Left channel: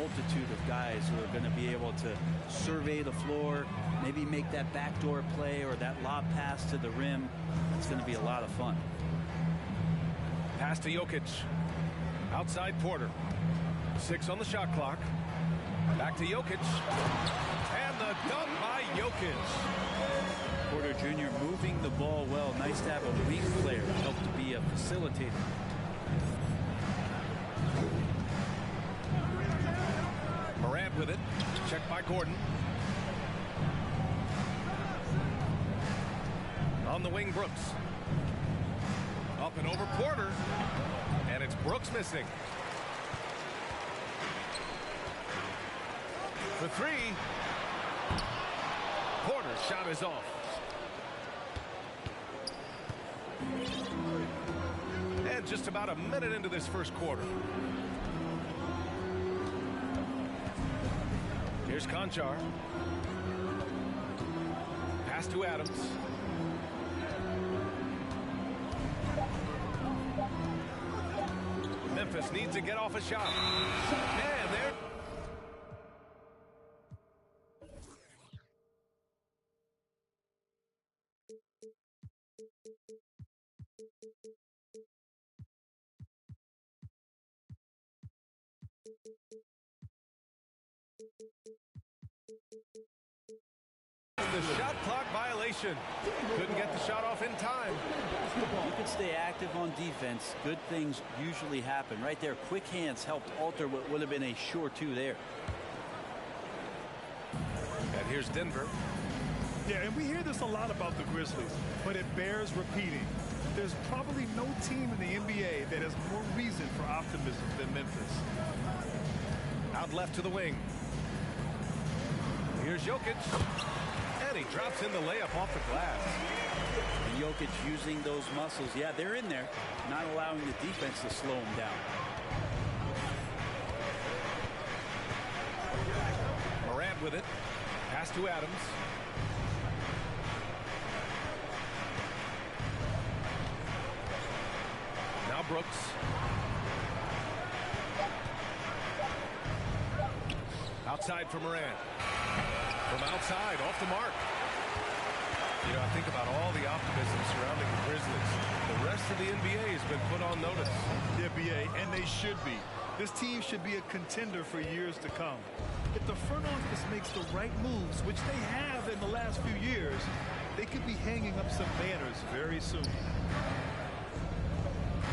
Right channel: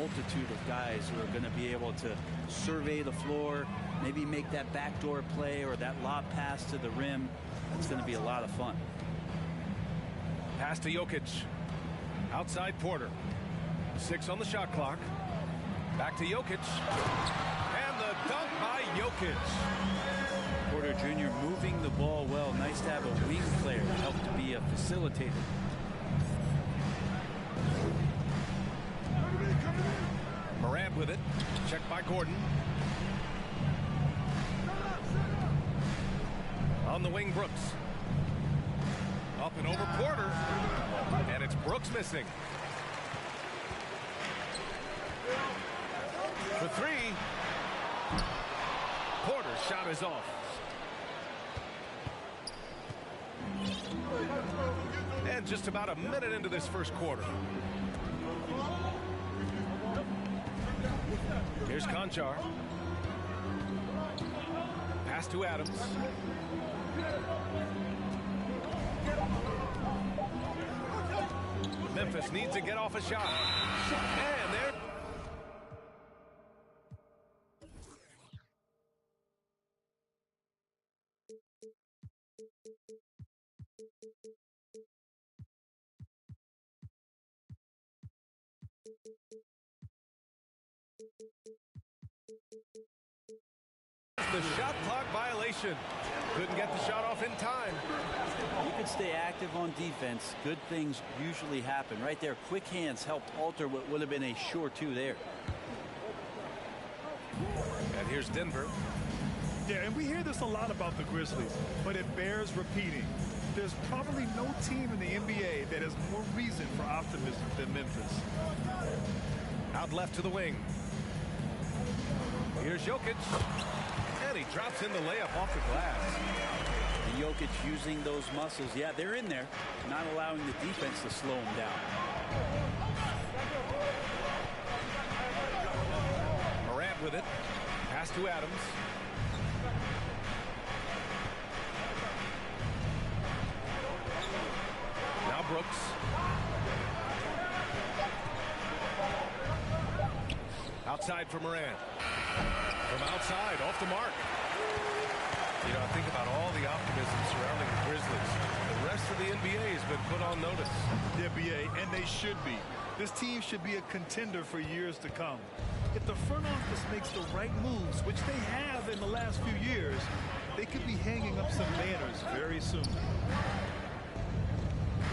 multitude of guys who are going to be able to survey the floor, maybe make that backdoor play or that lob pass to the rim. That's going to be a lot of fun. Pass to Jokic. Outside Porter. 6 on the shot clock. Back to Jokic. And the dunk by Jokic. Porter Jr. moving the ball well. Nice to have a wing player help to be a facilitator. Morant with it. Checked by Gordon. On the wing, Brooks. Up and over Porter. And it's Brooks missing. For 3. Porter's shot is off. And just about a minute into this first quarter. Here's Conchar. Pass to Adams. Memphis needs to get off a shot. And there. The shot clock violation. Couldn't get the shot off in time. You can stay active on defense. Good things usually happen. Right there, quick hands helped alter what would have been a sure 2 there. And here's Denver. Yeah, and we hear this a lot about the Grizzlies, but it bears repeating. There's probably no team in the NBA that has more reason for optimism than Memphis. Out left to the wing. Here's Jokic. And he drops in the layup off the glass. And Jokic using those muscles. Yeah, they're in there. Not allowing the defense to slow him down. Morant with it. Pass to Adams. Now Brooks. Outside for Morant. From outside, off the mark. You know, I think about all the optimism surrounding the Grizzlies. The rest of the NBA has been put on notice. Yeah, BA, and they should be. This team should be a contender for years to come. If the front office makes the right moves, which they have in the last few years, they could be hanging up some banners very soon.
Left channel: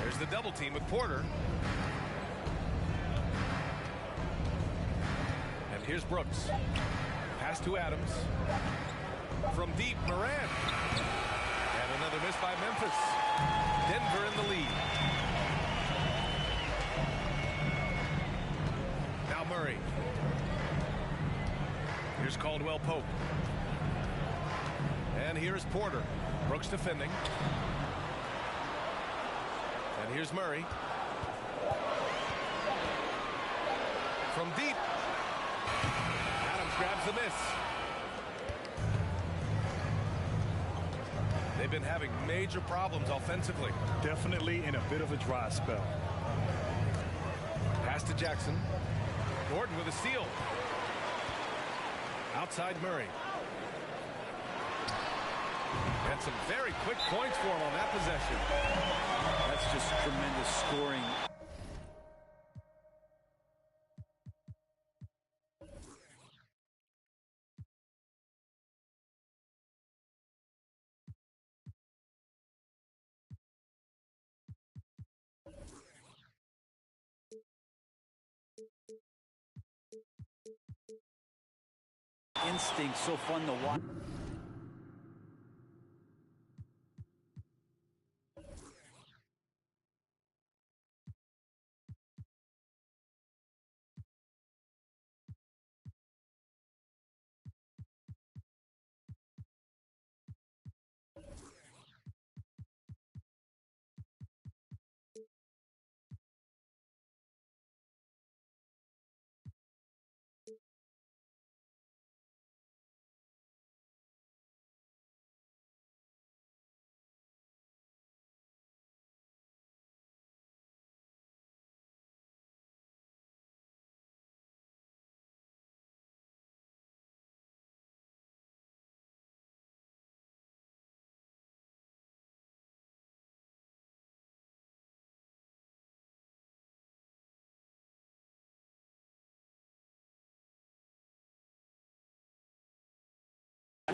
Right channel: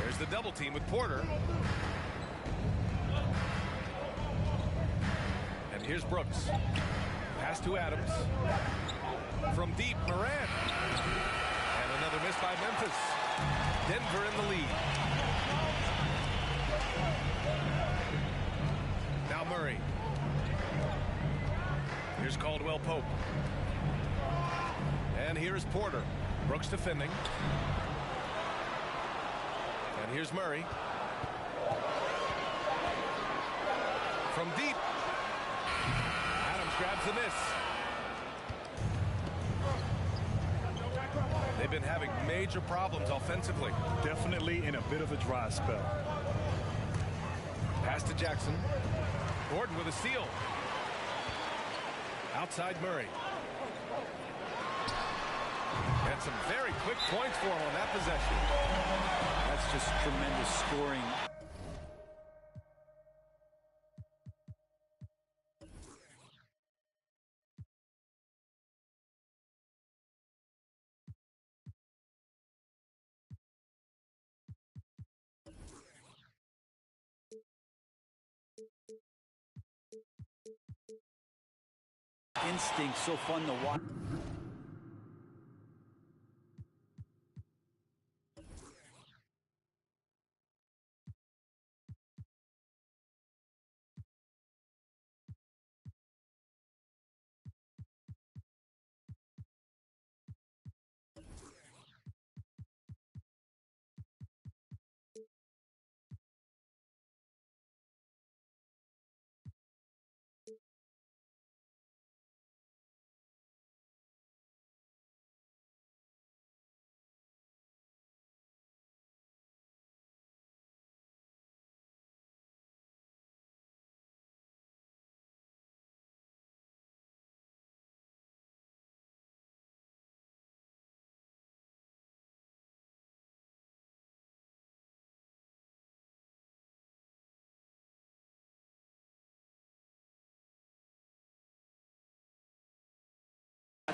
There's the double team with Porter. And here's Brooks. Pass to Adams. From deep, Morant. And another miss by Memphis. Denver in the lead. Now Murray. Here's Caldwell Pope. And here's Porter. Brooks defending. And here's Murray. From deep. Adams grabs the miss. They've been having major problems offensively. Definitely in a bit of a dry spell. Pass to Jackson. Gordon with a steal. Outside Murray. And some very quick points for him on that possession. That's just tremendous scoring. Instinct, so fun to watch.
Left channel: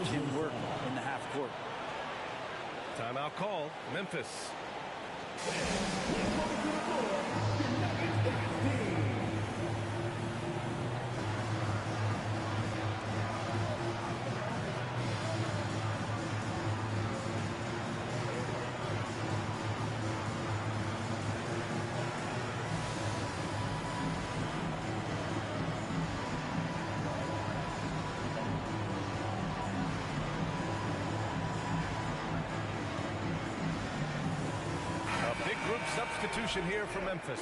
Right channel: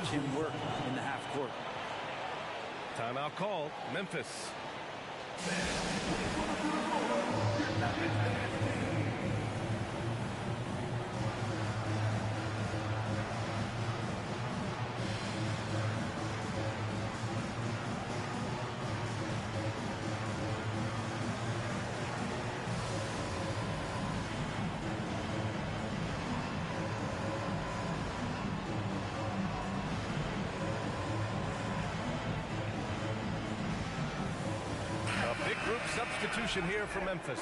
watch him work in the half court. Timeout called. Memphis. A big group substitution here for Memphis.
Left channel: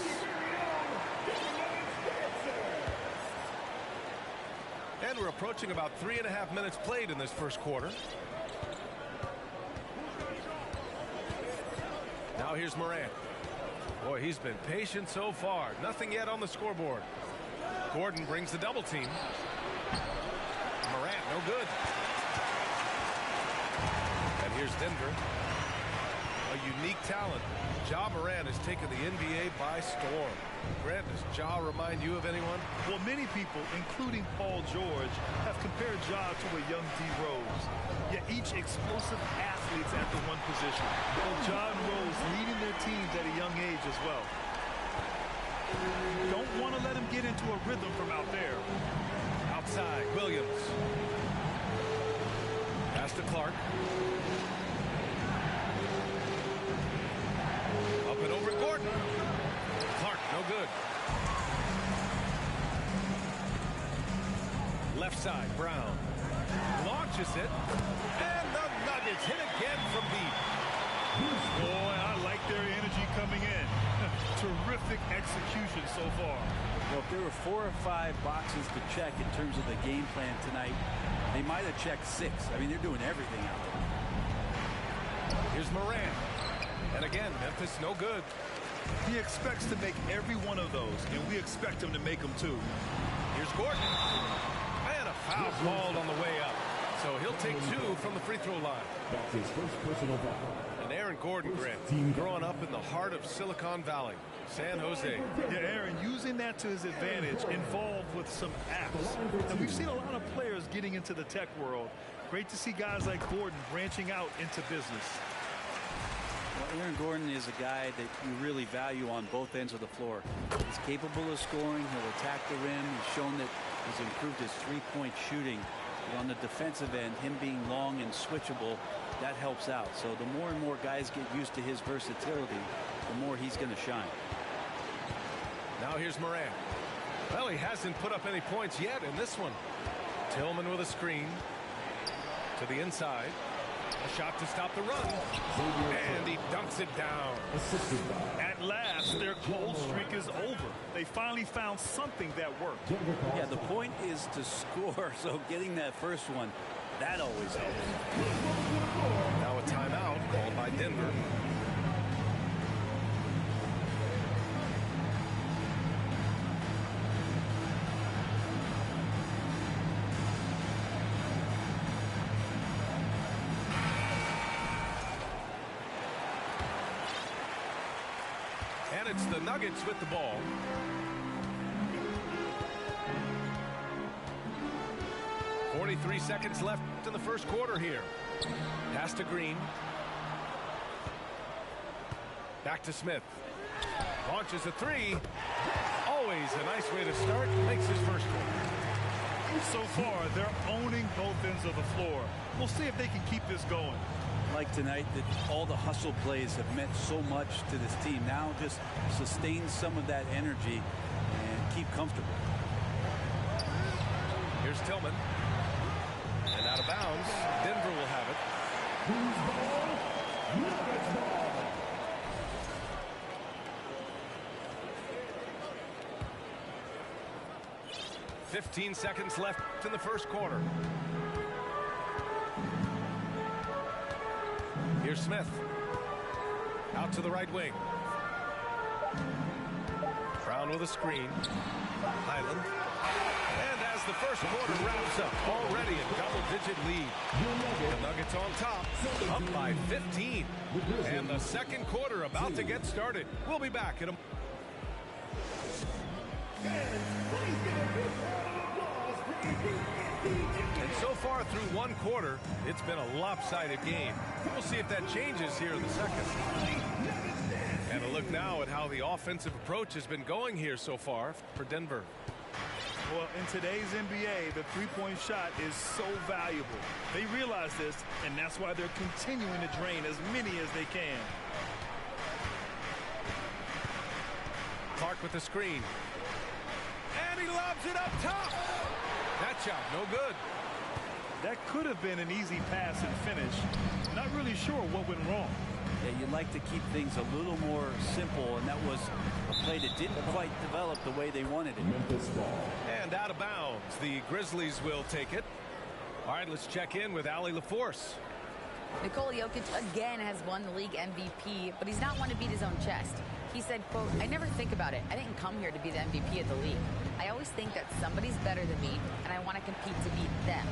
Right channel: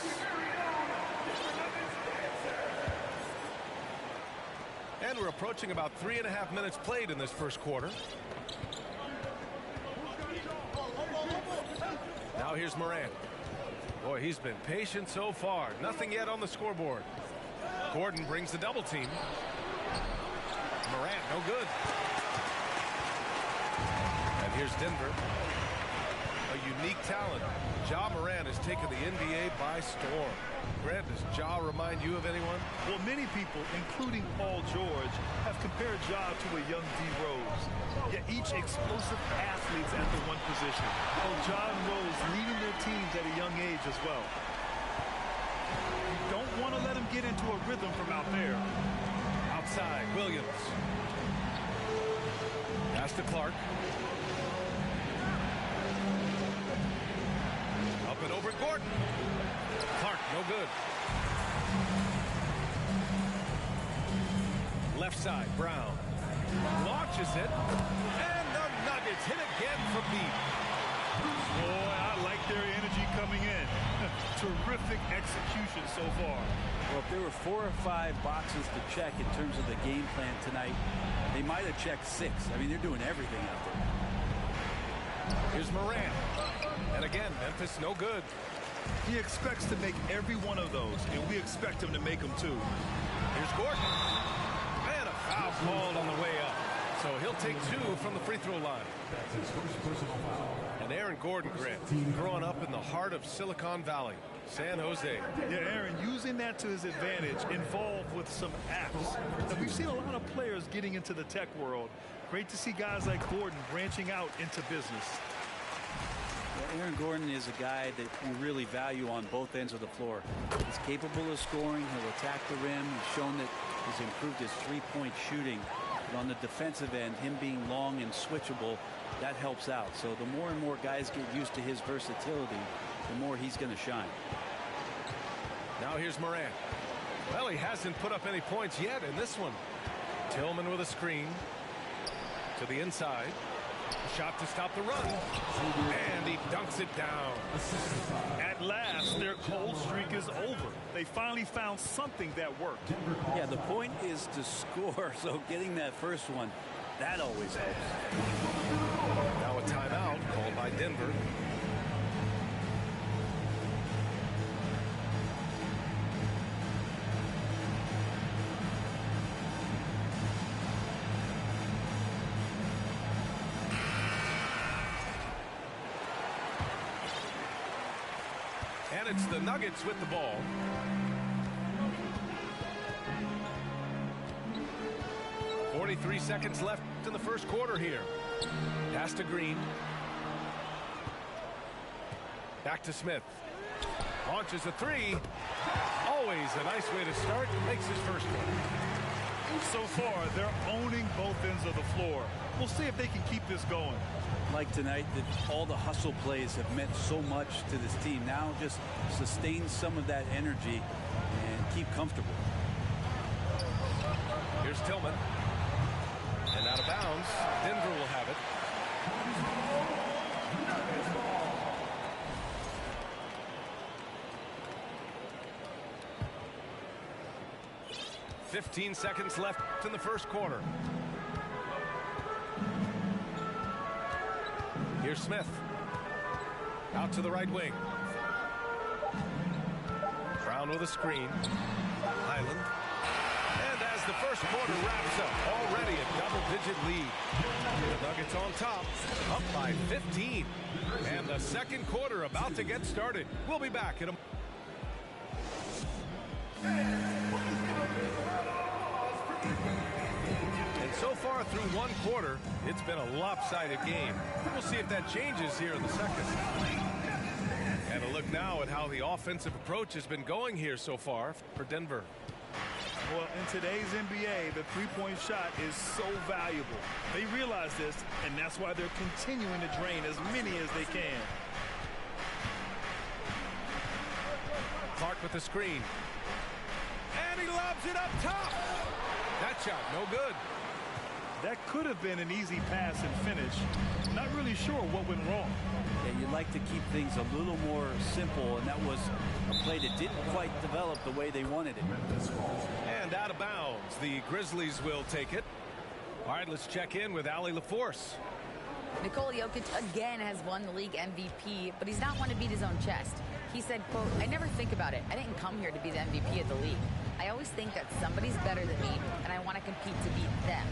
And we're approaching about 3.5 minutes played in this first quarter. Now here's Morant. Boy, he's been patient so far. Nothing yet on the scoreboard. Gordon brings the double team. Morant, no good. And here's Denver. A unique talent. Ja Morant has taken the NBA by storm. Grant, does Ja remind you of anyone? Well, many people, including Paul George, have compared Ja to a young D. Rose. Yet each explosive athletes at the one position. Well, Ja and Rose leading their teams at a young age as well. Don't want to let him get into a rhythm from out there. Outside, Williams. Pass to Clark. Up and over Gordon. Clark, no good. Left side, Brown. Launches it. And the Nuggets hit again from deep. Boy, I like their energy coming in. Terrific execution so far. Well, if there were 4 or 5 boxes to check in terms of the game plan tonight, they might have checked 6. I mean, they're doing everything out there. Here's Morant. And again, Memphis no good. He expects to make every one of those, and we expect him to make them too. Here's Gordon. And a foul called on the way up. So he'll take 2 from the free throw line. That's his first personal foul. And Aaron Gordon, Grant, growing up in the heart of Silicon Valley, San Jose. Yeah, Aaron, using that to his advantage, involved with some apps. And we've seen a lot of players getting into the tech world. Great to see guys like Gordon branching out into business. Well, Aaron Gordon is a guy that you really value on both ends of the floor. He's capable of scoring. He'll attack the rim. He's shown that he's improved his three-point shooting. But on the defensive end, him being long and switchable, that helps out. So the more and more guys get used to his versatility, the more he's going to shine. Now here's Morant. Well, he hasn't put up any points yet in this one. Tillman with a screen to the inside. A shot to stop the run. And he dunks it down. At last, their cold streak is over. They finally found something that worked. Yeah, the point is to score, so getting that first one, that always helps. Now a timeout called by Denver. And it's the Nuggets with the ball. .43 seconds left in the first quarter here. Pass to Green. Back to Smith. Launches a 3. Always a nice way to start. Makes his first one. So far, they're owning both ends of the floor. We'll see if they can keep this going. Like tonight, that all the hustle plays have meant so much to this team. Now just sustain some of that energy and keep comfortable. Here's Tillman. And out of bounds. Denver will have it. 15 seconds left in the first quarter. Here's Smith. Out to the right wing. Brown with a screen. Highland. And as the first quarter wraps up, already a double-digit lead. The Nuggets on top, up by 15. And the second quarter about to get started. We'll be back in a... And So far through one quarter, it's been a lopsided game. We'll see if that changes here in the second. And a look now at how the offensive approach has been going here so far for Denver. Well, in today's NBA, the three-point shot is so valuable. They realize this, and that's why they're continuing to drain as many as they can. Clark with the screen. And he lobs it up top. That shot, no good. That could have been an easy pass and finish. Not really sure what went wrong. Yeah, you'd like to keep things a little more simple, and that was a play that didn't quite develop the way they wanted it. And out of bounds, the Grizzlies will take it. All right, let's check in with Allie LaForce. Nikola Jokic again has won the league MVP, but he's not one to beat his own chest. He said, quote, "I never think about it. I didn't come here to be the MVP of the league. I always think that somebody's better than me, and I want to compete to beat them.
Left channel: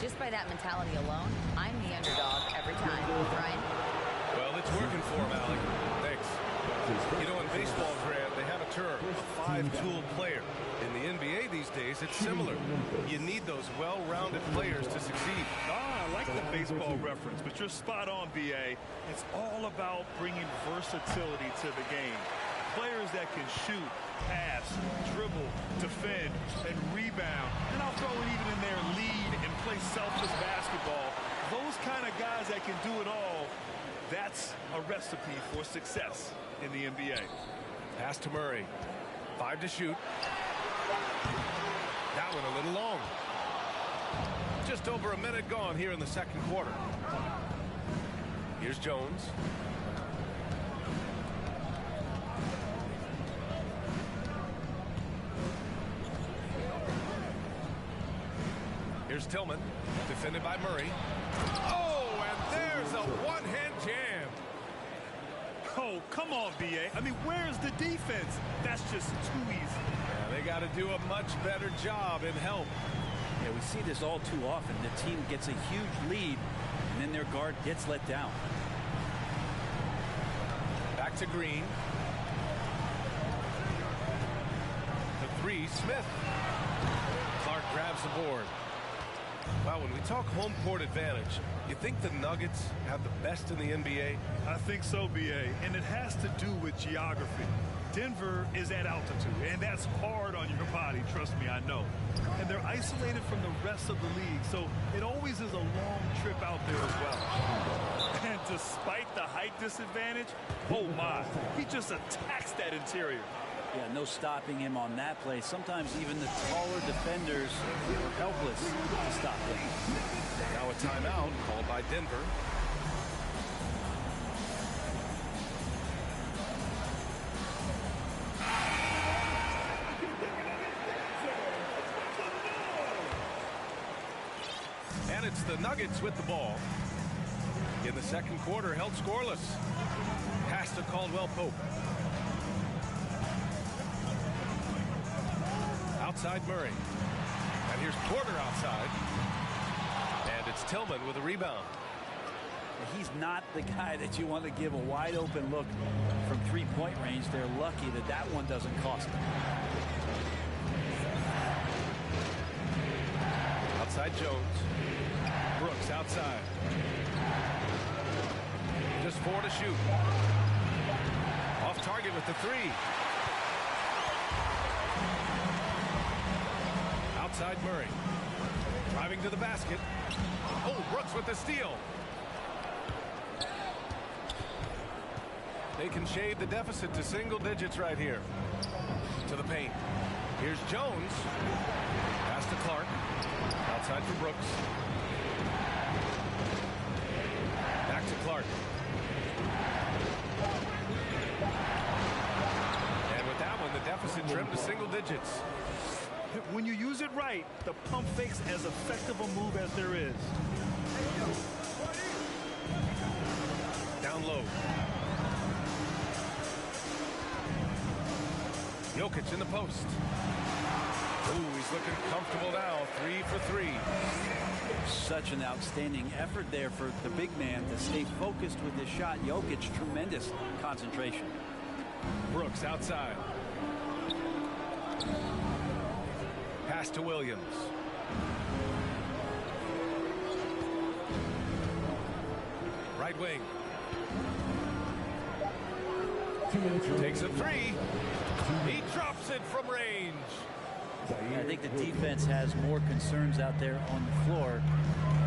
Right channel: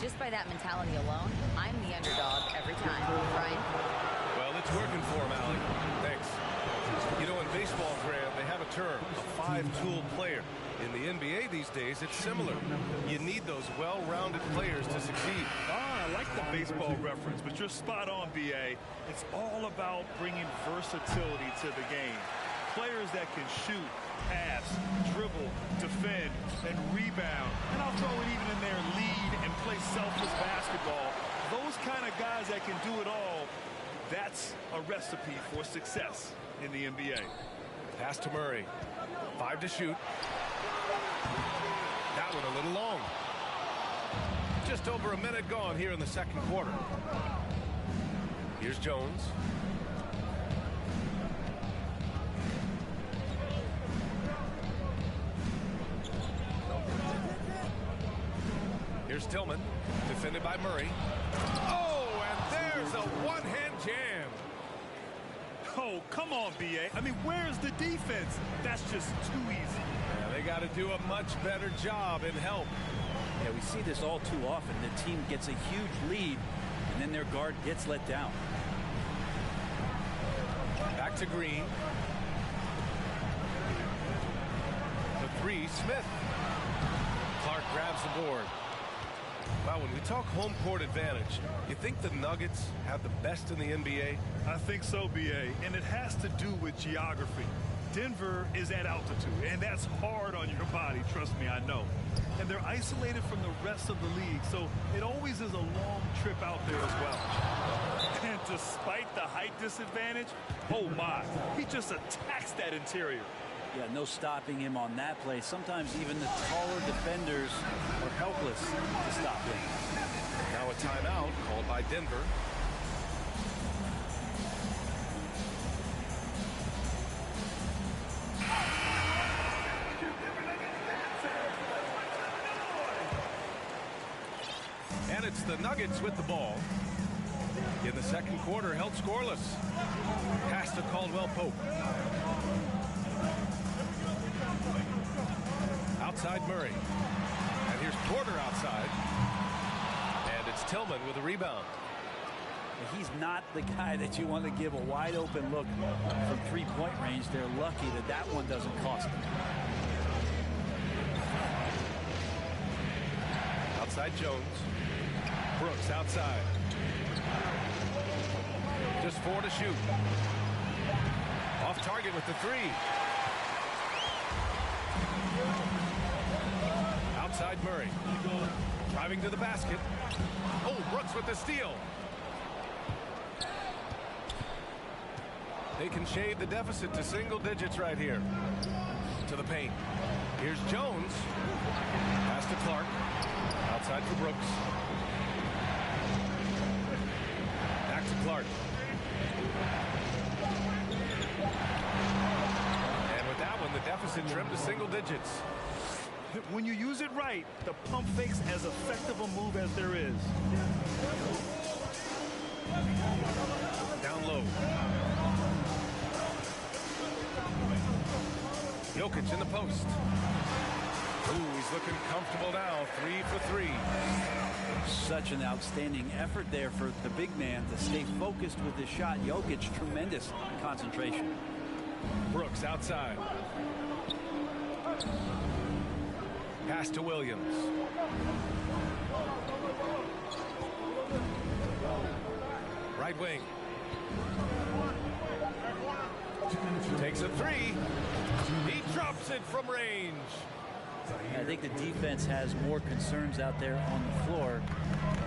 Just by that mentality alone, I'm the underdog every time." Ryan? Well, it's working for him, Allie. Thanks. You know, in baseball, Grant, they have a term, a five-tool player. In the NBA these days, it's similar. You need those well-rounded players to succeed. I like the baseball reference, but you're spot on, B.A. It's all about bringing versatility to the game. Players that can shoot, pass, dribble, defend, and rebound. And I'll throw it even in there, lead and play selfless basketball. Those kind of guys that can do it all, that's a recipe for success in the NBA. Pass to Murray. 5 to shoot. That one a little long. Just over a minute gone here in the second quarter. Here's Jones. Here's Tillman, defended by Murray. Oh, and there's a one-hand jam. Oh, come on, B.A. I mean, where's the defense? That's just too easy. Yeah, they got to do a much better job in help. Yeah, we see this all too often. The team gets a huge lead, and then their guard gets let down. Back to Green. The three, Smith. Clark grabs the board. Wow, when we talk home court advantage, you think the Nuggets have the best in the NBA? I think so, B.A., and it has to do with geography. Denver is at altitude, and that's hard on your body, trust me, I know. And they're isolated from the rest of the league, so it always is a long trip out there as well. And despite the height disadvantage, oh my, he just attacks that interior. Yeah, no stopping him on that play. Sometimes even the taller defenders are helpless to stop him. Now a timeout called by Denver. And it's the Nuggets with the ball. In the second quarter, held scoreless. Pass to Caldwell Pope. Outside Murray. And here's Porter outside. And it's Tillman with a rebound. He's not the guy that you want to give a wide open look from three-point range. They're lucky that that one doesn't cost them. Outside Jones. Brooks outside. Just 4 to shoot. Off target with the 3. Outside Murray. Driving to the basket. Oh, Brooks with the steal. They can shade the deficit to single digits right here. To the paint. Here's Jones. Pass to Clark. Outside for Brooks. Back to Clark. And with that one, the deficit trimmed to single digits. When you use it right, the pump fake's as effective a move as there is. Down low. Jokic in the post. Ooh, he's looking comfortable now. 3 for 3. Such an outstanding effort there for the big man to stay focused with his shot. Jokic, tremendous concentration. Brooks outside. Pass to Williams. right wing. Takes a three. He drops it from range. I think the defense has more concerns out there on the floor,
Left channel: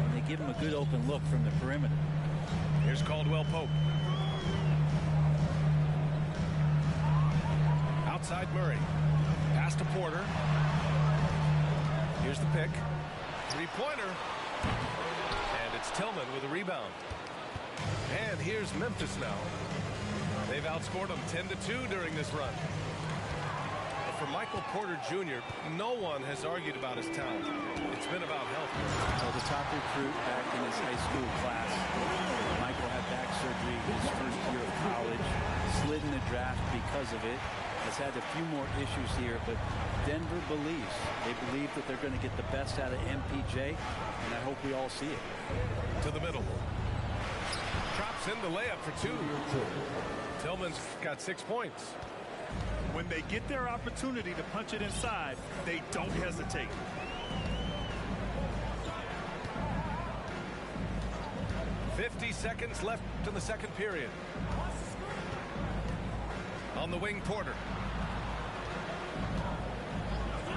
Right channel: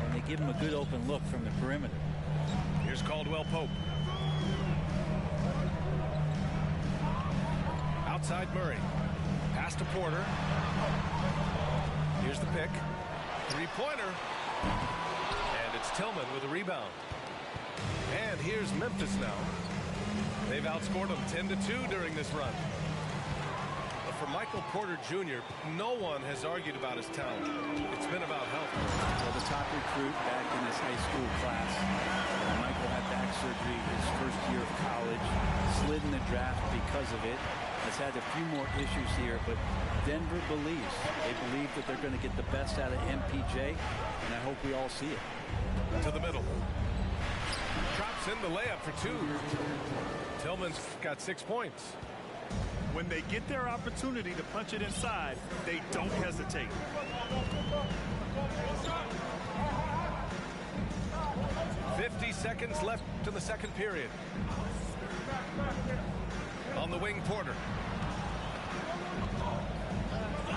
and they give him a good open look from the perimeter. Here's Caldwell Pope. Outside Murray. Pass to Porter. Here's the pick. Three-pointer. And it's Tillman with a rebound. And here's Memphis now. They've outscored them 10-2 during this run. But for Michael Porter Jr., no one has argued about his talent. It's been about health. Well, the top recruit back in his high school class. Michael had back surgery his first year of college. Slid in the draft because of it. Has had a few more issues here, but Denver believes. They believe that they're going to get the best out of MPJ, and I hope we all see it. To the middle. Drops in the layup for two. Tillman's got 6 points. When they get their opportunity to punch it inside, they don't hesitate. "50 seconds left in the second period. On the wing, Porter.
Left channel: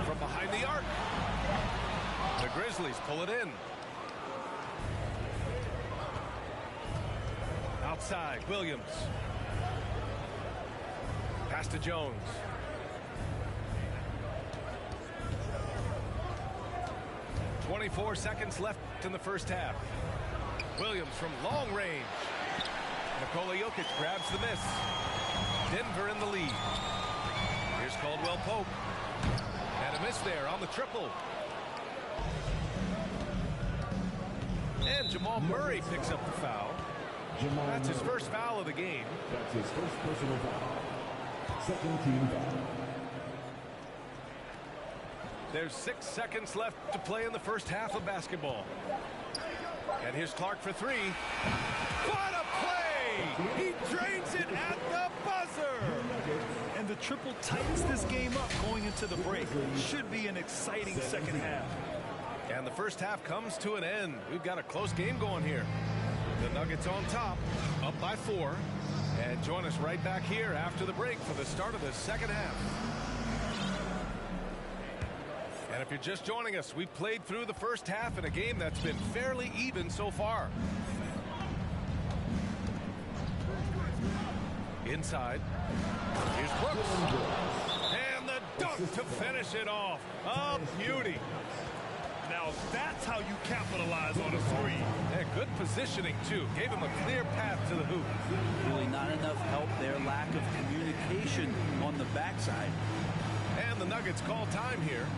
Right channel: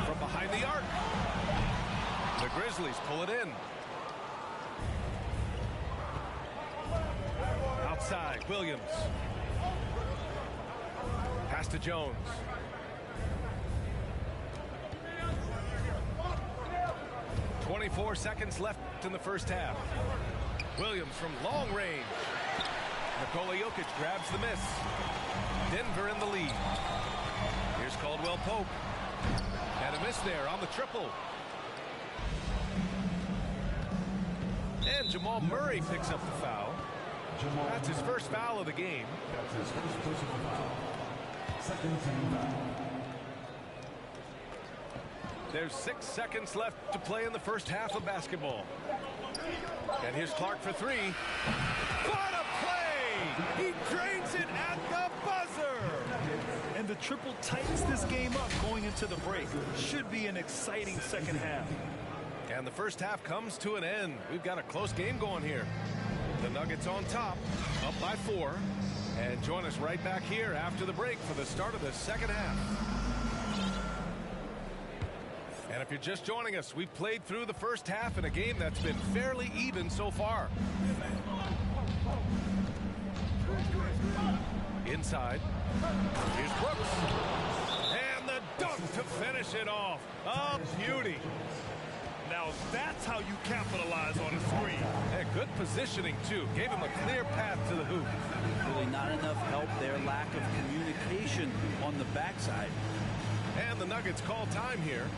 From behind the arc. The Grizzlies pull it in. Outside, Williams. Pass to Jones. "24 seconds left in the first half. Williams from long range. Nikola Jokic grabs the miss. Denver in the lead. Here's Caldwell Pope. And a miss there on the triple. And Jamal Murray picks up the foul. That's his first foul of the game. That's his first personal foul. Second team foul. There's 6 seconds left to play in the first half of basketball. And here's Clark for three. What a play! He drains it at the buzzer! And the triple tightens this game up going into the break. Should be an exciting second half. And the first half comes to an end. We've got a close game going here. The Nuggets on top, up by 4. And join us right back here after the break for the start of the second half. And if you're just joining us, we've played through the first half in a game that's been fairly even so far. Inside. Here's Brooks. And the dunk to finish it off. A beauty. Now that's how you capitalize on a screen. And good positioning, too. Gave him a clear path to the hoop. Really not enough help there. Lack of communication on the backside. And the Nuggets call time here.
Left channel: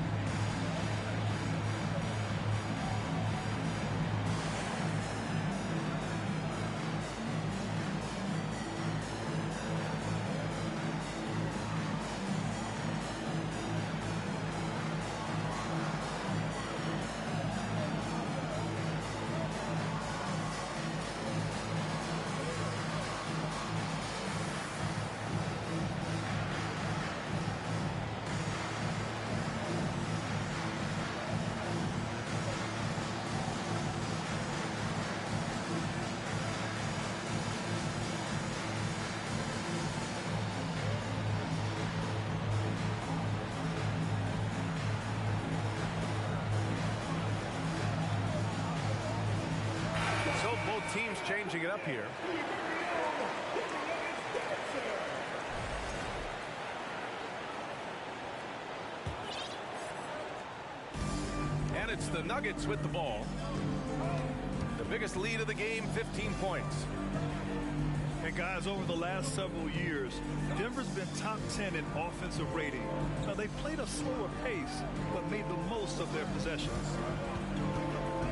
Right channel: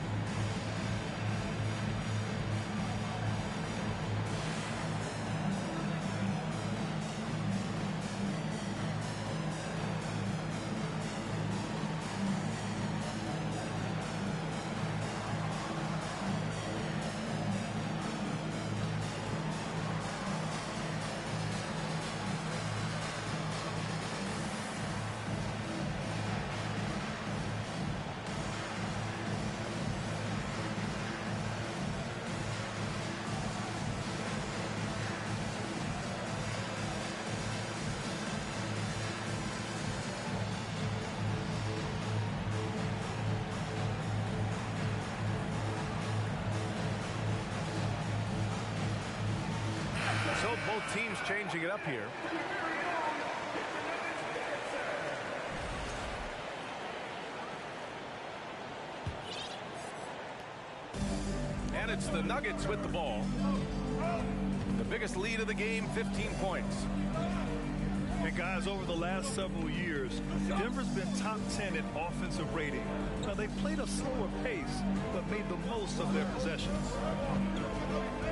So both teams changing it up here. And it's the Nuggets with the ball. The biggest lead of the game, 15 points. And guys, over the last several years, Denver's been top 10 in offensive rating. Now, they've played a slower pace, but made the most of their possessions.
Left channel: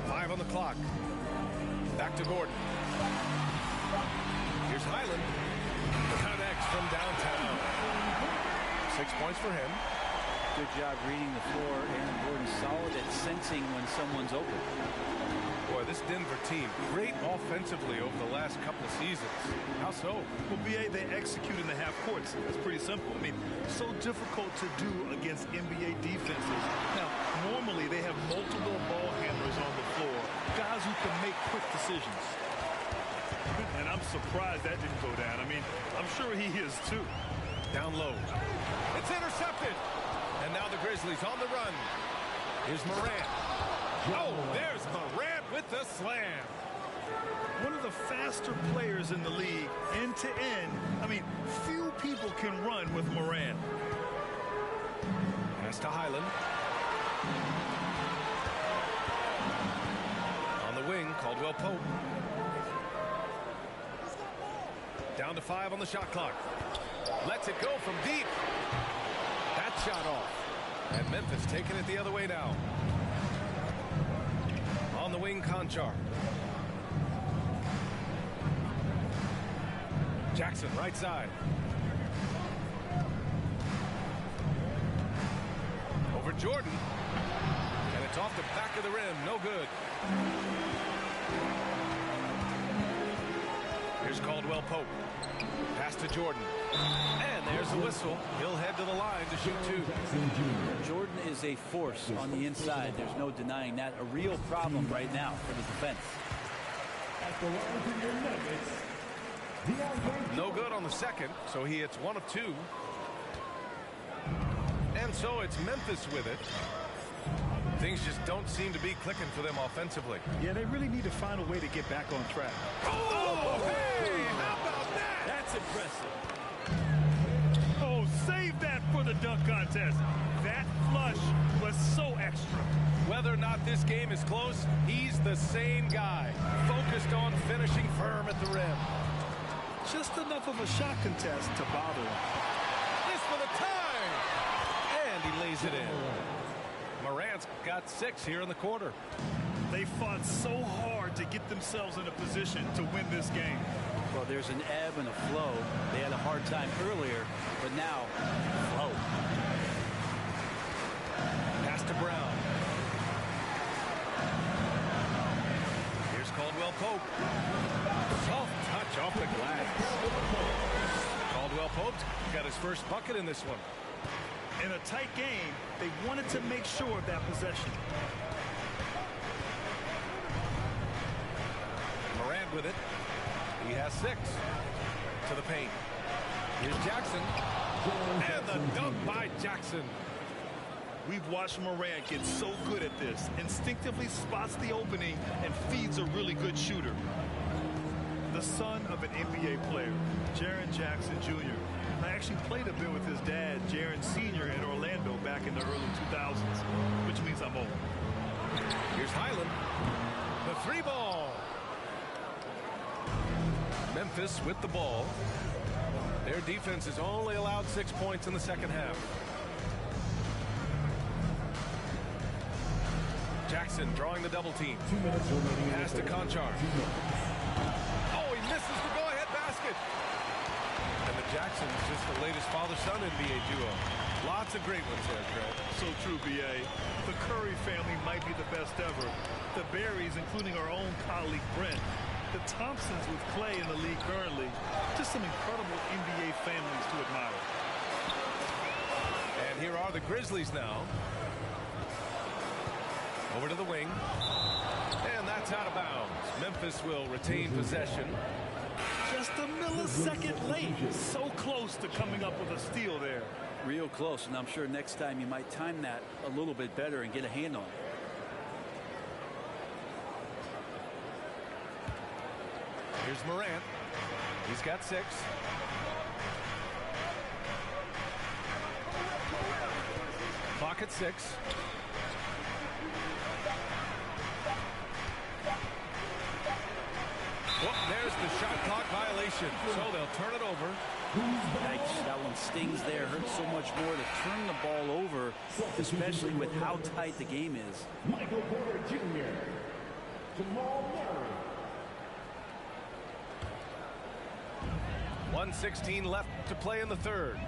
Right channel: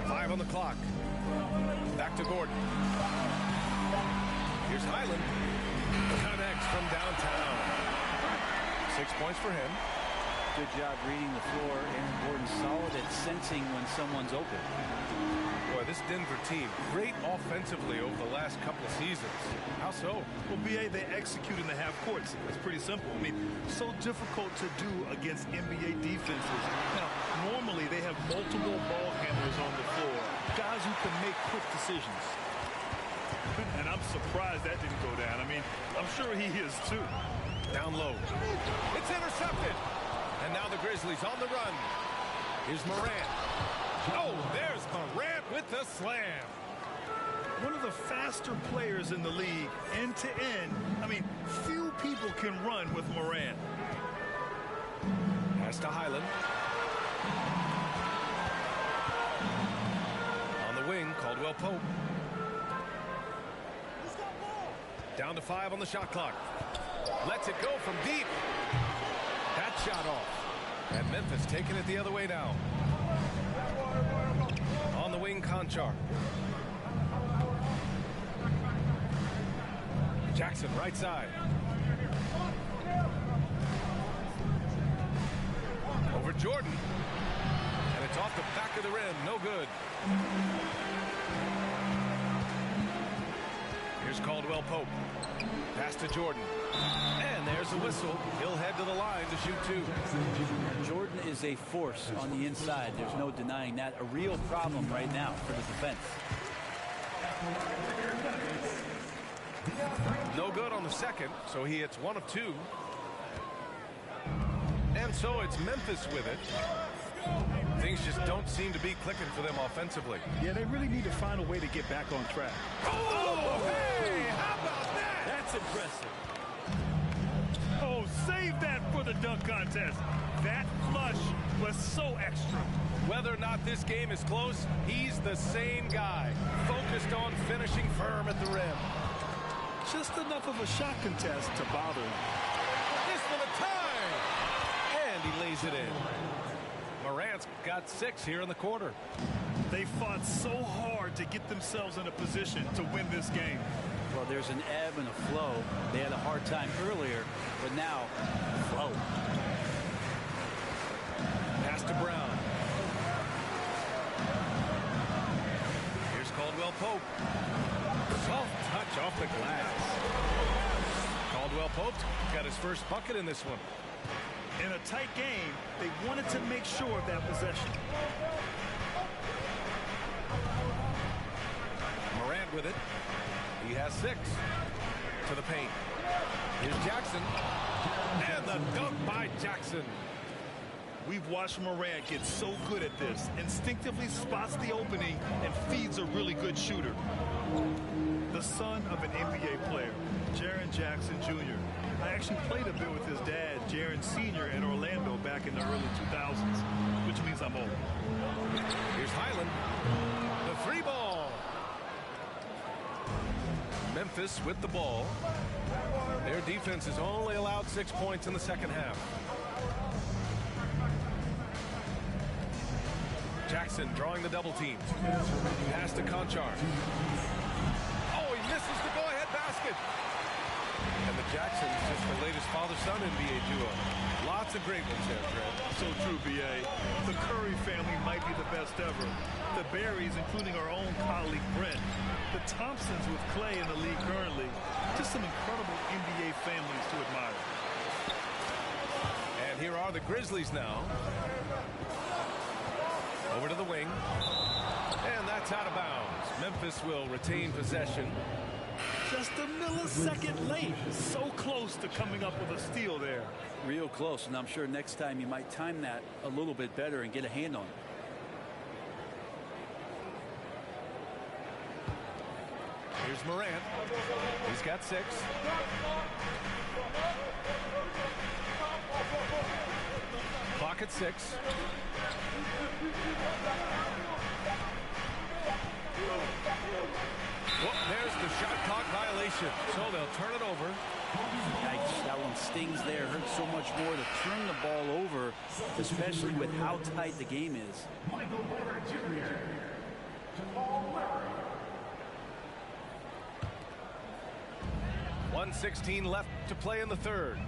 5 on the clock. Back to Gordon. Here's Highland. Connects from downtown. 6 points for him. Good job reading the floor. Aaron Gordon solid at sensing when someone's open. Boy, this Denver team, great offensively over the last couple of seasons. How so? Well, BA, they execute in the half courts. That's pretty simple. I mean, so difficult to do against NBA defenses. Now, normally they have multiple ball handlers on the floor, guys who can make quick decisions. And I'm surprised that didn't go down. I mean, I'm sure he is too. Down low. It's intercepted. And now the Grizzlies on the run. Here's Morant. Oh, there's Morant with the slam. One of the faster players in the league, end to end. I mean, few people can run with Morant. Pass to Highland. On the wing, Caldwell Pope. Down to 5 on the shot clock. Lets it go from deep. That shot off. And Memphis taking it the other way now. On the wing, Conchar. Jackson, right side. Over Jordan. And it's off the back of the rim. No good. Here's Caldwell Pope. Pass to Jordan. And there's a whistle. He'll head to the line to shoot 2. Jordan is a force on the inside. There's no denying that. A real problem right now for the defense. No good on the second, so he hits 1 of 2. And so it's Memphis with it. Things just don't seem to be clicking for them offensively. Yeah, they really need to find a way to get back on track. Oh, hey, how about that? That's impressive. Oh, save that for the dunk contest. That flush was so extra. Whether or not this game is close, he's the same guy, focused on finishing firm at the rim. Just enough of a shot contest to bother him. This for the tie! And he lays it in. Morant's got 6 here in the quarter. They fought so hard to get themselves in a position to win this game. Well, there's an ebb and a flow. They had a hard time earlier, but now the flow. Pass to Brown. Here's Caldwell Pope. Soft touch off the glass. Caldwell Pope got his first bucket in this one. In a tight game, they wanted to make sure of that possession. Morant with it. He has 6 to the paint. Here's Jackson. And the dunk by Jackson. We've watched Morant get so good at this. Instinctively spots the opening and feeds a really good shooter. The son of an NBA player, Jaren Jackson Jr. I actually played a bit with his dad, Jaren Sr. in Orlando back in the early 2000s, which means I'm old. Here's Highland. The 3 ball. Memphis with the ball. Their defense has only allowed 6 points in the second half. Jackson drawing the double team. Pass to Conchar. Oh, he misses the go-ahead basket. And the Jacksons, just the latest father-son NBA duo. Lots of great ones there, Trent. So true, B.A. The Curry family might be the best ever. The Berries, including our own colleague Brent. The Thompsons with Clay in the league currently. Just some incredible NBA families to admire. And here are the Grizzlies now. Over to the wing. And that's out of bounds. Memphis will retain possession. Just a millisecond late. So close to coming up with a steal there. Real close, and I'm sure next time you might time that a little bit better and get a hand on it. Here's Morant. He's got 6. Clock at 6. Well, there's the shot clock violation. So they'll turn it over. Yikes, that one stings there. Hurts so much more to turn the ball over, especially with how tight the game is. Michael Porter Jr. Jamal Murray. 1:16 left to play in the third.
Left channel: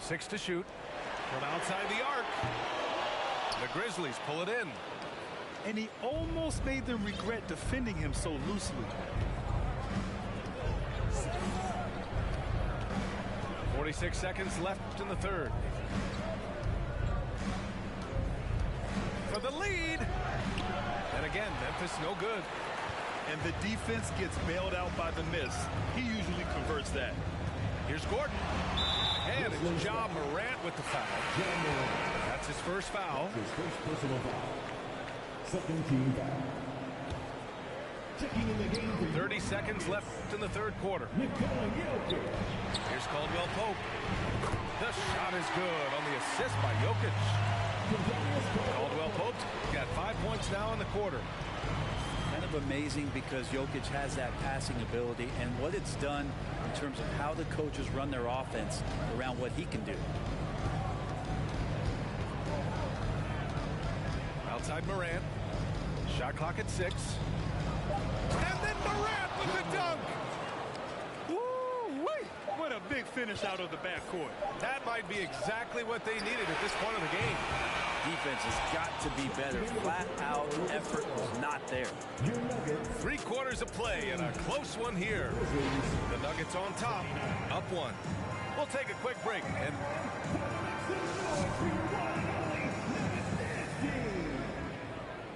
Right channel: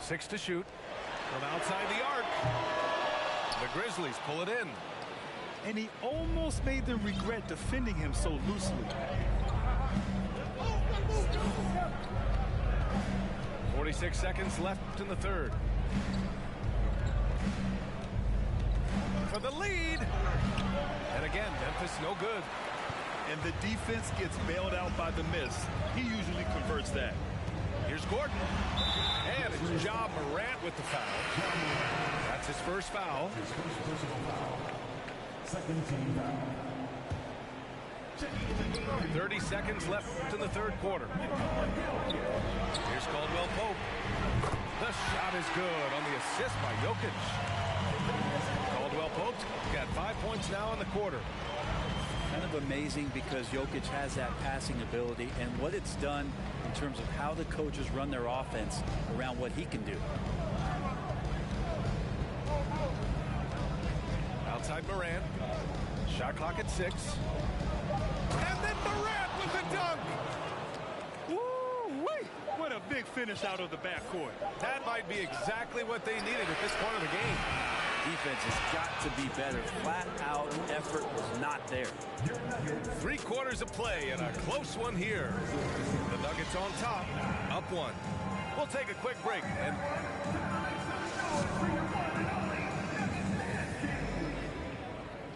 Six to shoot from outside the arc. The Grizzlies pull it in. And he almost made them regret defending him so loosely. 26 seconds left in the third. For the lead. And again, Memphis no good. And the defense gets bailed out by the miss. He usually converts that. Here's Gordon. And it's Ja Morant with the foul. That's his first foul. His first personal foul. Second team foul. Checking in the game. 30 seconds left in the third quarter. Here's Caldwell Pope. The shot is good on the assist by Jokic. Caldwell Pope's got 5 points now in the quarter. Kind of amazing because Jokic has that passing ability and what it's done in terms of how the coaches run their offense around what he can do. Outside Morant. Shot clock at 6. And then Morant with the dunk. Woo-wee! What a big finish out of the backcourt. That might be exactly what they needed at this point of the game. Defense has got to be better. Flat out effort was not there. 3 quarters of play and a close one here. The Nuggets on top, up 1. We'll take a quick break and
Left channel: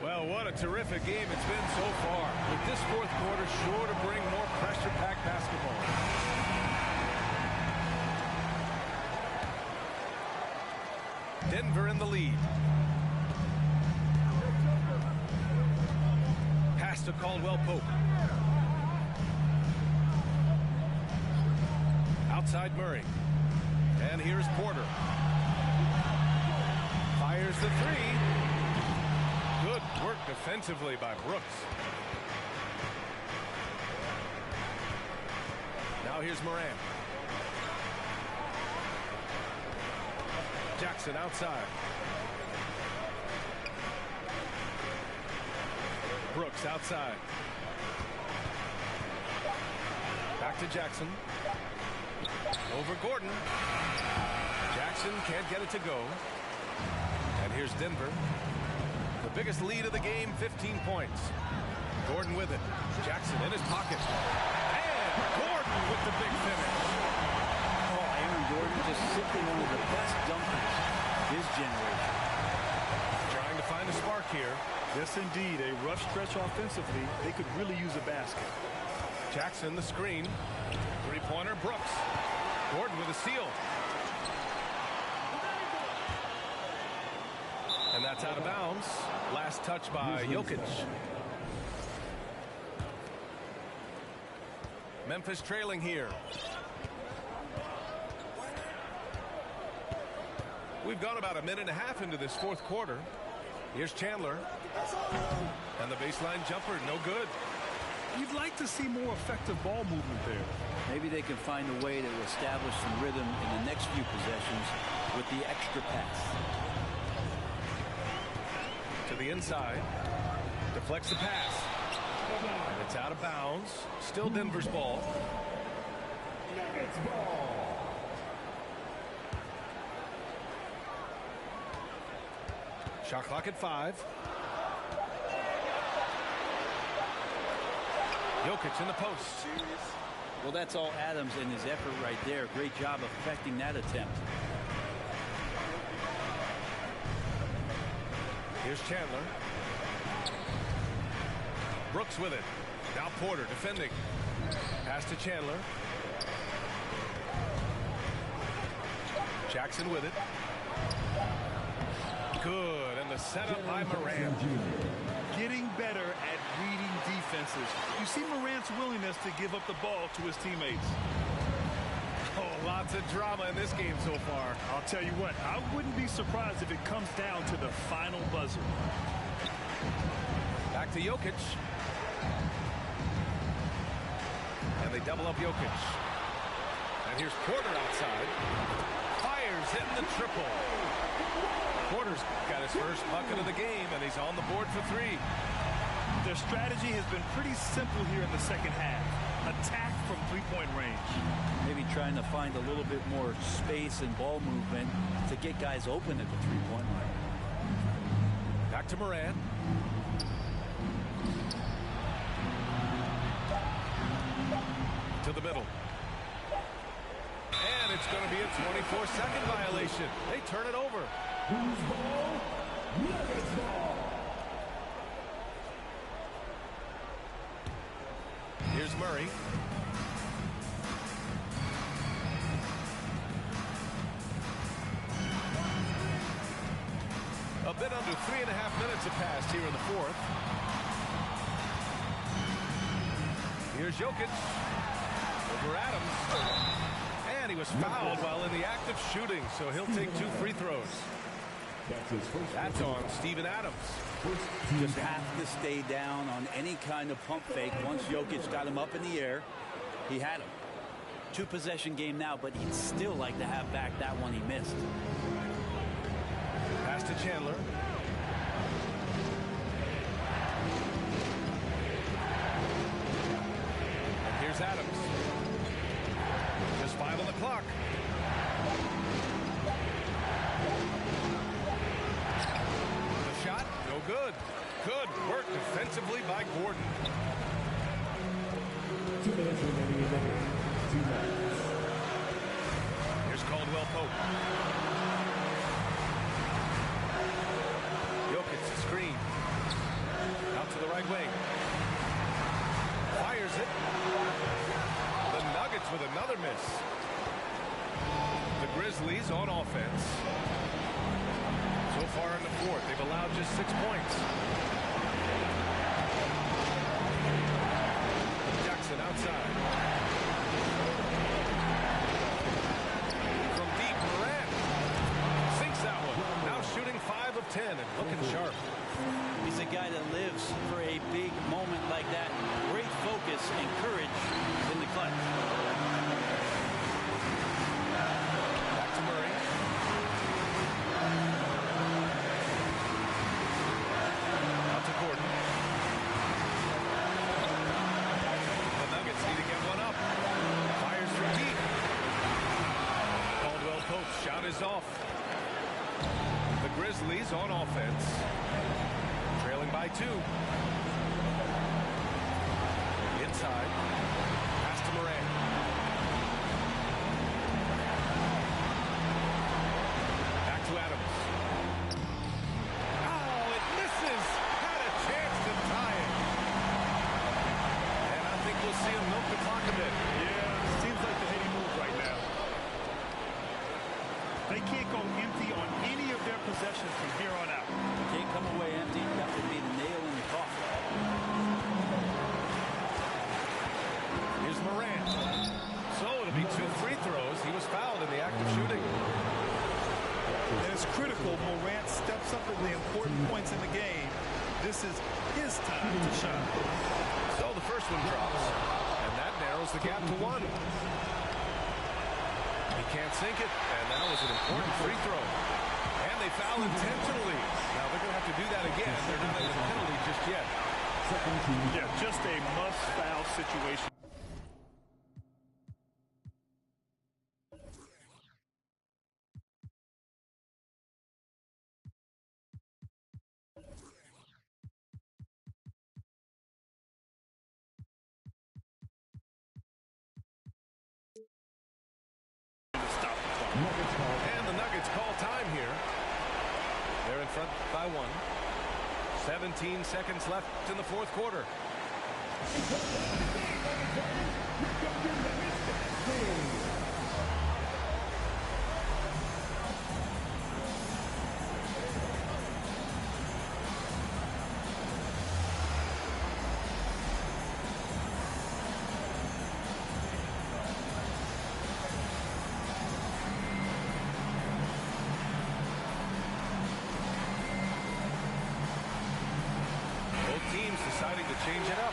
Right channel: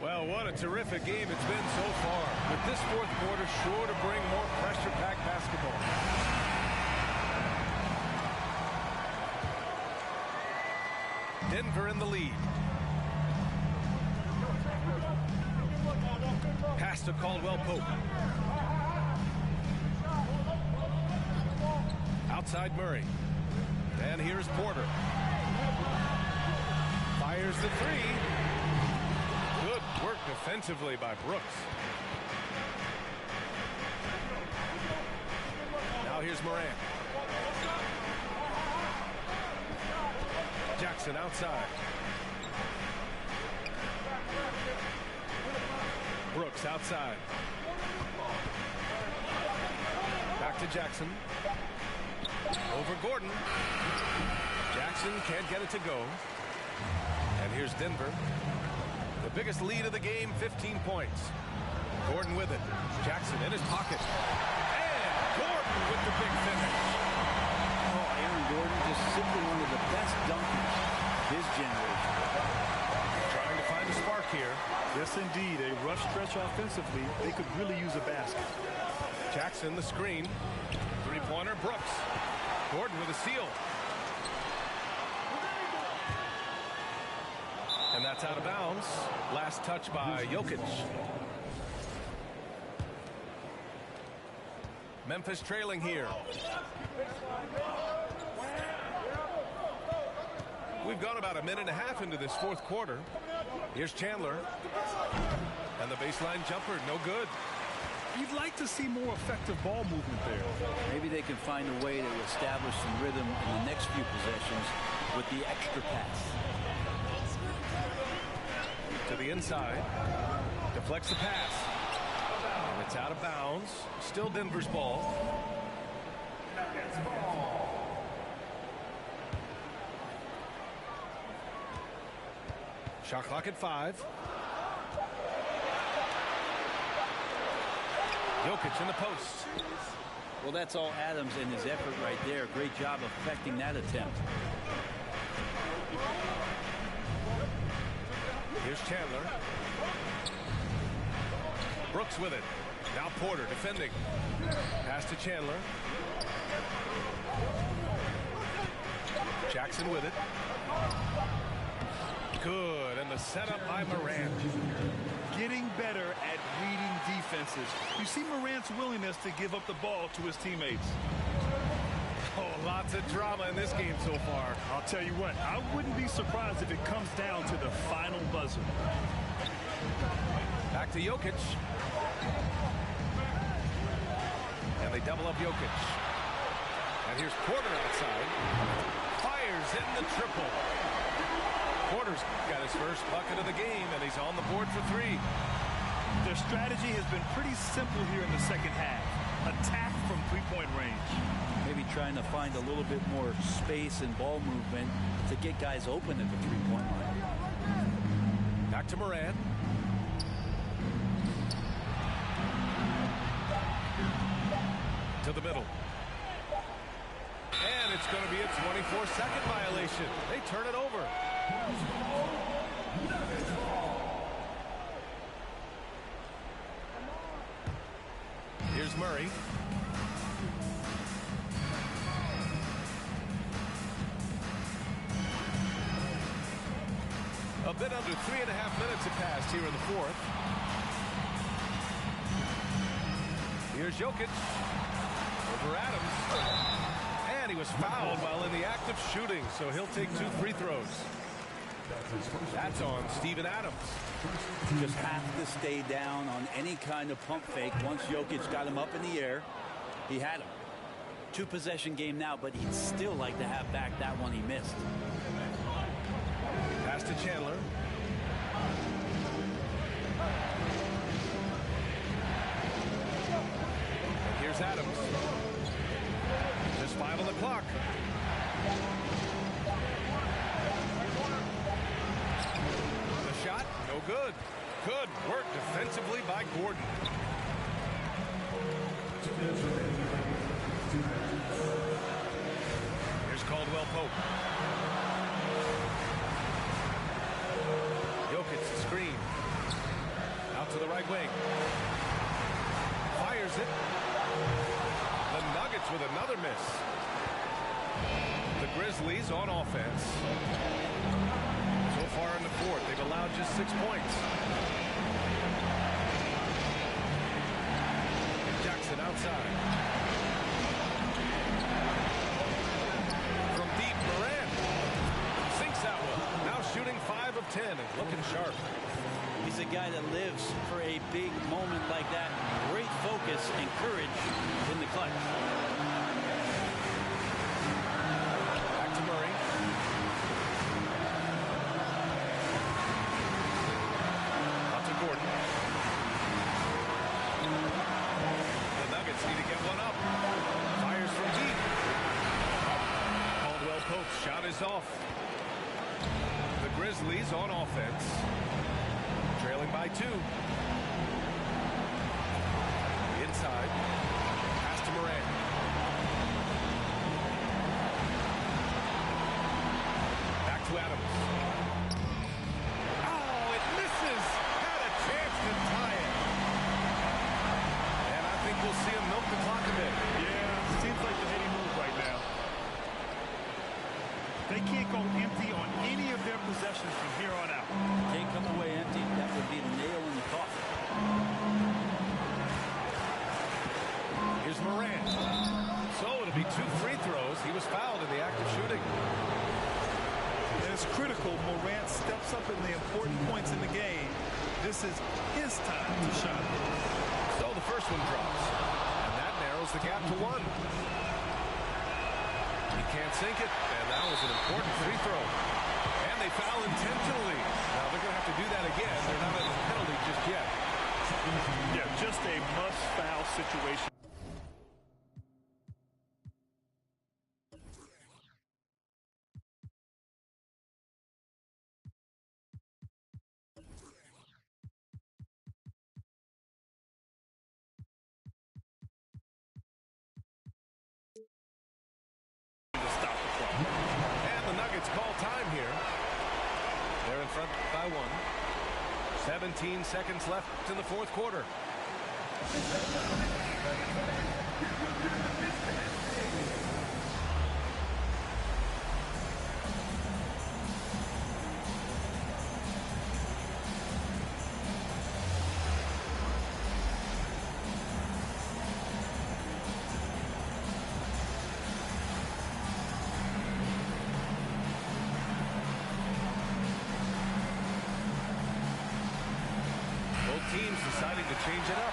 well, what a terrific game it's been so far. With this fourth quarter sure to bring more pressure-packed basketball. Denver in the lead. Pass to Caldwell Pope. Outside Murray. And here's Porter. Fires the 3. Good work defensively by Brooks. Now here's Morant. Jackson outside. Brooks outside. Back to Jackson. Over Gordon. Jackson can't get it to go. And here's Denver. The biggest lead of the game, 15 points. Gordon with it. Jackson in his pocket. And Gordon with the big finish. Oh, Aaron Gordon just simply one of the best dunkers of his generation. Trying to find a spark here. Yes, indeed. A rough stretch offensively. They could really use a basket. Jackson the screen. Three-pointer Brooks. Gordon with a steal. And that's out of bounds. Last touch by Jokic. Memphis trailing here. We've gone about a minute and a half into this fourth quarter. Here's Chandler. And the baseline jumper, no good. You'd like to see more effective ball movement there. Maybe they can find a way to establish some rhythm in the next few possessions with the extra pass. To the inside. Deflects the pass. And it's out of bounds. Still Denver's ball. Nuggets ball. Shot clock at 5. Jokic in the post. Well, that's all Adams and his effort right there. Great job affecting that attempt. Here's Chandler. Brooks with it. Now Porter defending. Pass to Chandler. Jackson with it. Good. And the setup by Morant. Getting better at reading defenses. You see Morant's willingness to give up the ball to his teammates. Oh, lots of drama in this game so far. I'll tell you what, I wouldn't be surprised if it comes down to the final buzzer. Back to Jokic. And they double up Jokic. And here's Porter outside. Fires in the triple. Porter's got his first bucket of the game, and he's on the board for 3. Their strategy has been pretty simple here in the second half. Attack from three-point range. Maybe trying to find a little bit more space and ball movement to get guys open at the three-point line. Back to Morant. To the middle. And it's going to be a 24-second violation. They turn it over. Nuggets ball. Here's Murray. A bit under 3.5 minutes have passed here in the fourth. Here's Jokic over Adams. And he was fouled while in the act of shooting, so he'll take 2 free throws. That's on Steven Adams. Just have to stay down on any kind of pump fake. Once Jokic got him up in the air, he had him. 2-possession game now, but he'd still like to have back that one he missed. Pass to Chandler. And here's Adams. Just 5 on the clock. The shot, no good. Good work defensively by Gordon. 2 minutes remaining in the game. 2 minutes. Here's Caldwell Pope. Jokic the screen. Out to the right wing. Fires it. The Nuggets with another miss. The Grizzlies on offense. So far in the fourth, they've allowed just 6 points. Jackson outside. From deep, Morant sinks that one. Now shooting 5 of 10 and looking sharp. He's a guy that lives for a big moment like that. Great focus and courage in the clutch. Back to Murray. Out to Gordon. The Nuggets need to get one up. Fires from deep. Caldwell Pope's shot is off. The Grizzlies on offense. Trailing by 2. Inside. Pass to Morant. Back to Adams. Oh, it misses. Had a chance to tie it. And I think we'll see him milk the clock a bit. Yeah, seems like the heady move right now. They can't go empty on any of their possessions from here on out. Can't come away empty. That would be the nail in the coffin. Here's Morant. So it'll be 2 free throws. He was fouled in the act of shooting. And it's critical Morant steps up in the important points in the game. This is his time to shine. So the first one drops. And that narrows the gap to 1. He can't sink it, and that was an important free throw. And they foul intentionally. Now they're going to have to do that again. They're not in the penalty just yet. Yeah, just a must-foul situation. To stop the clock. And the Nuggets call time here. They're in front by 1. 17 seconds left in the fourth quarter. Teams deciding to change it up.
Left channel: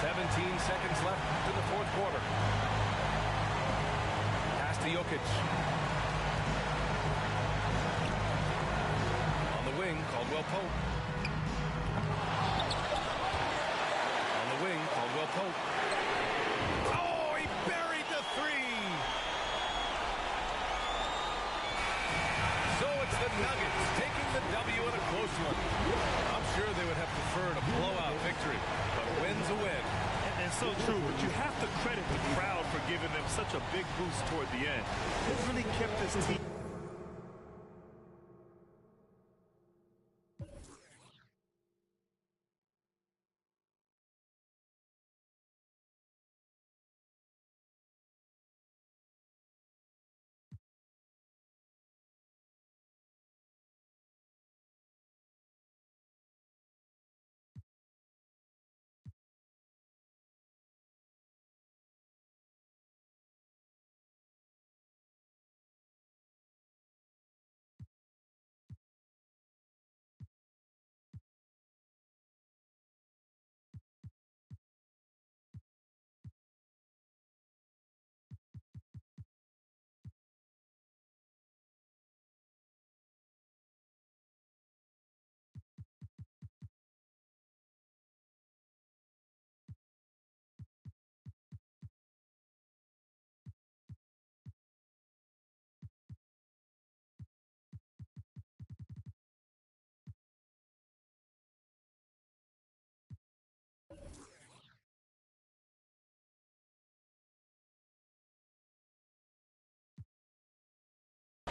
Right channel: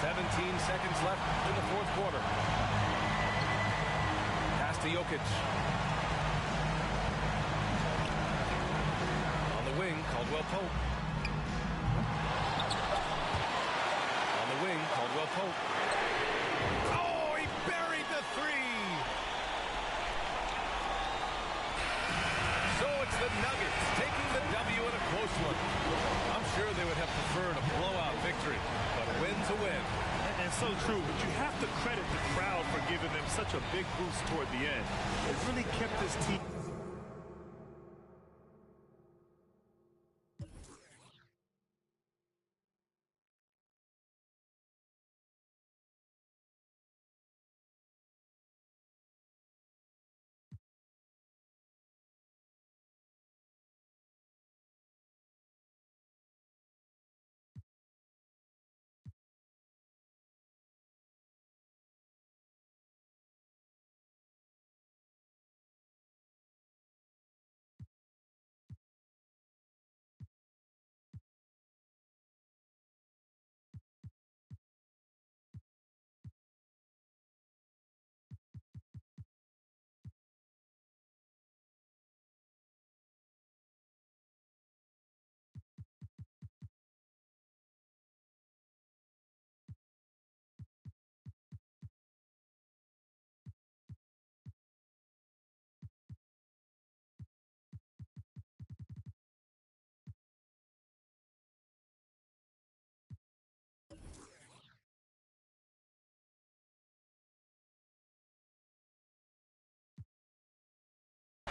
"17 seconds left in the fourth quarter. Pass to Jokic. On the wing, Caldwell Pope. On the wing, Caldwell Pope. Oh, he buried the 3. So it's the Nuggets taking the W in a close one. I'm sure they would have preferred a blowout victory, but a win's a win. And so true, but you have to credit the crowd for giving them such a big boost toward the end. It really kept this team.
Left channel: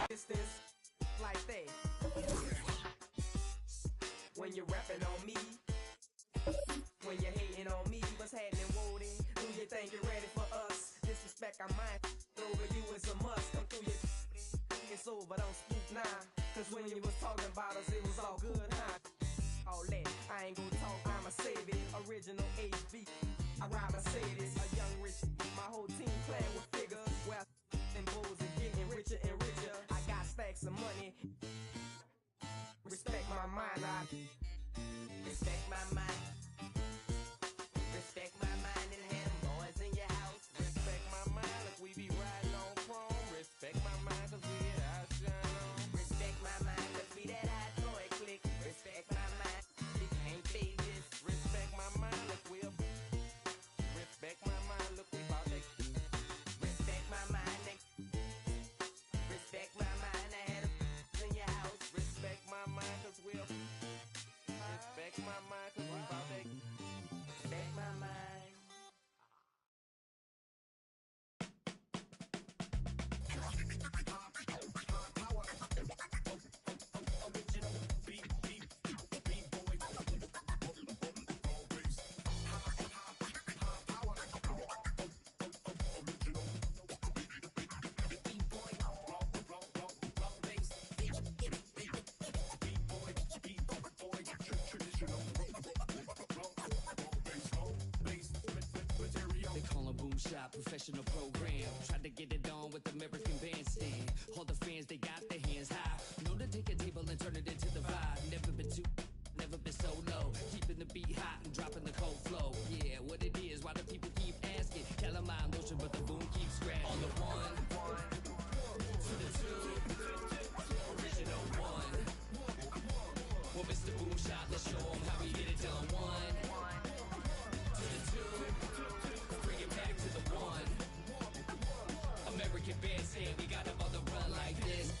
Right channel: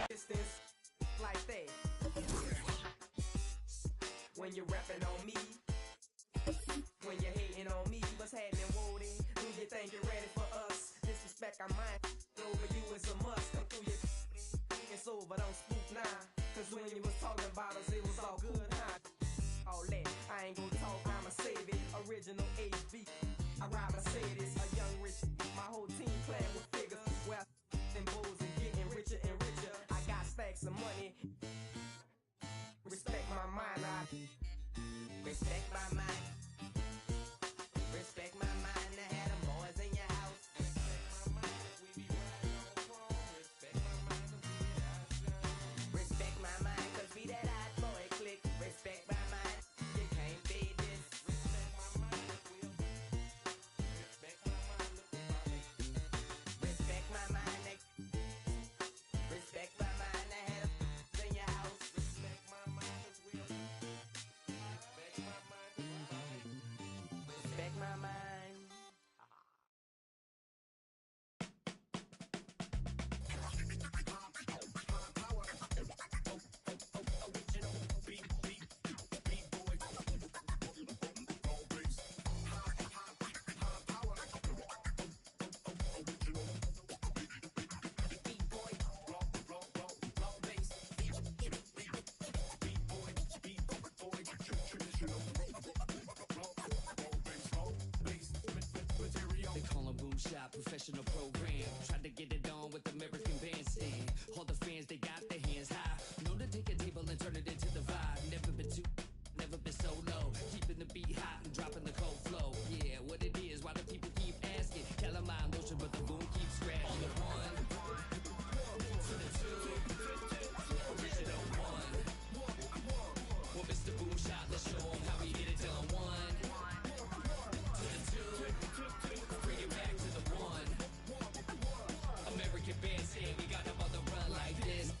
Distance like that. When you're rapping on me, when you're hating on me, what's happening, Woody? Do you think you're ready for us? Disrespect our mind over you is a must. Come through your it's over, don't spook now. Cause when you was talking about us, it was all good, huh? All that, I ain't gonna talk, I'ma save it. Original HB, I ride Mercedes, a young rich. My whole team playing with figures. Well, and bulls and getting richer and richer. I got stacks of money. Respect my mind, I respect my mind. Respect my mind, and I had them boys in your house. Respect my mind, if we be riding on chrome. Respect my mind, cause we that I shine on. Respect my mind, cause we that I boy click. Respect my mind, you can't beat this. Respect my mind, look we up. Respect my mind, look we about to. Respect my mind, respect my mind, I had them in your house. Respect my mind, cause we up. Respect my mind, cause we about to. Respect my mind. They call them boom shop, professional program. Tried to get it on with American Bandstand. All the fans, they got their hands high. Known to take a table and turn it into the vibe. Never been too, never been so low. Keeping the beat hot and dropping the cold flow. Yeah, what it is, why do people keep asking? Calamine lotion, but the boom keeps scratching. On the one, to the two, original one. Well, Mr. Boom Shot, let's show 'em how we get it done. One, to the two, bring it back to the one. American Bandstand, we got them on the run like this.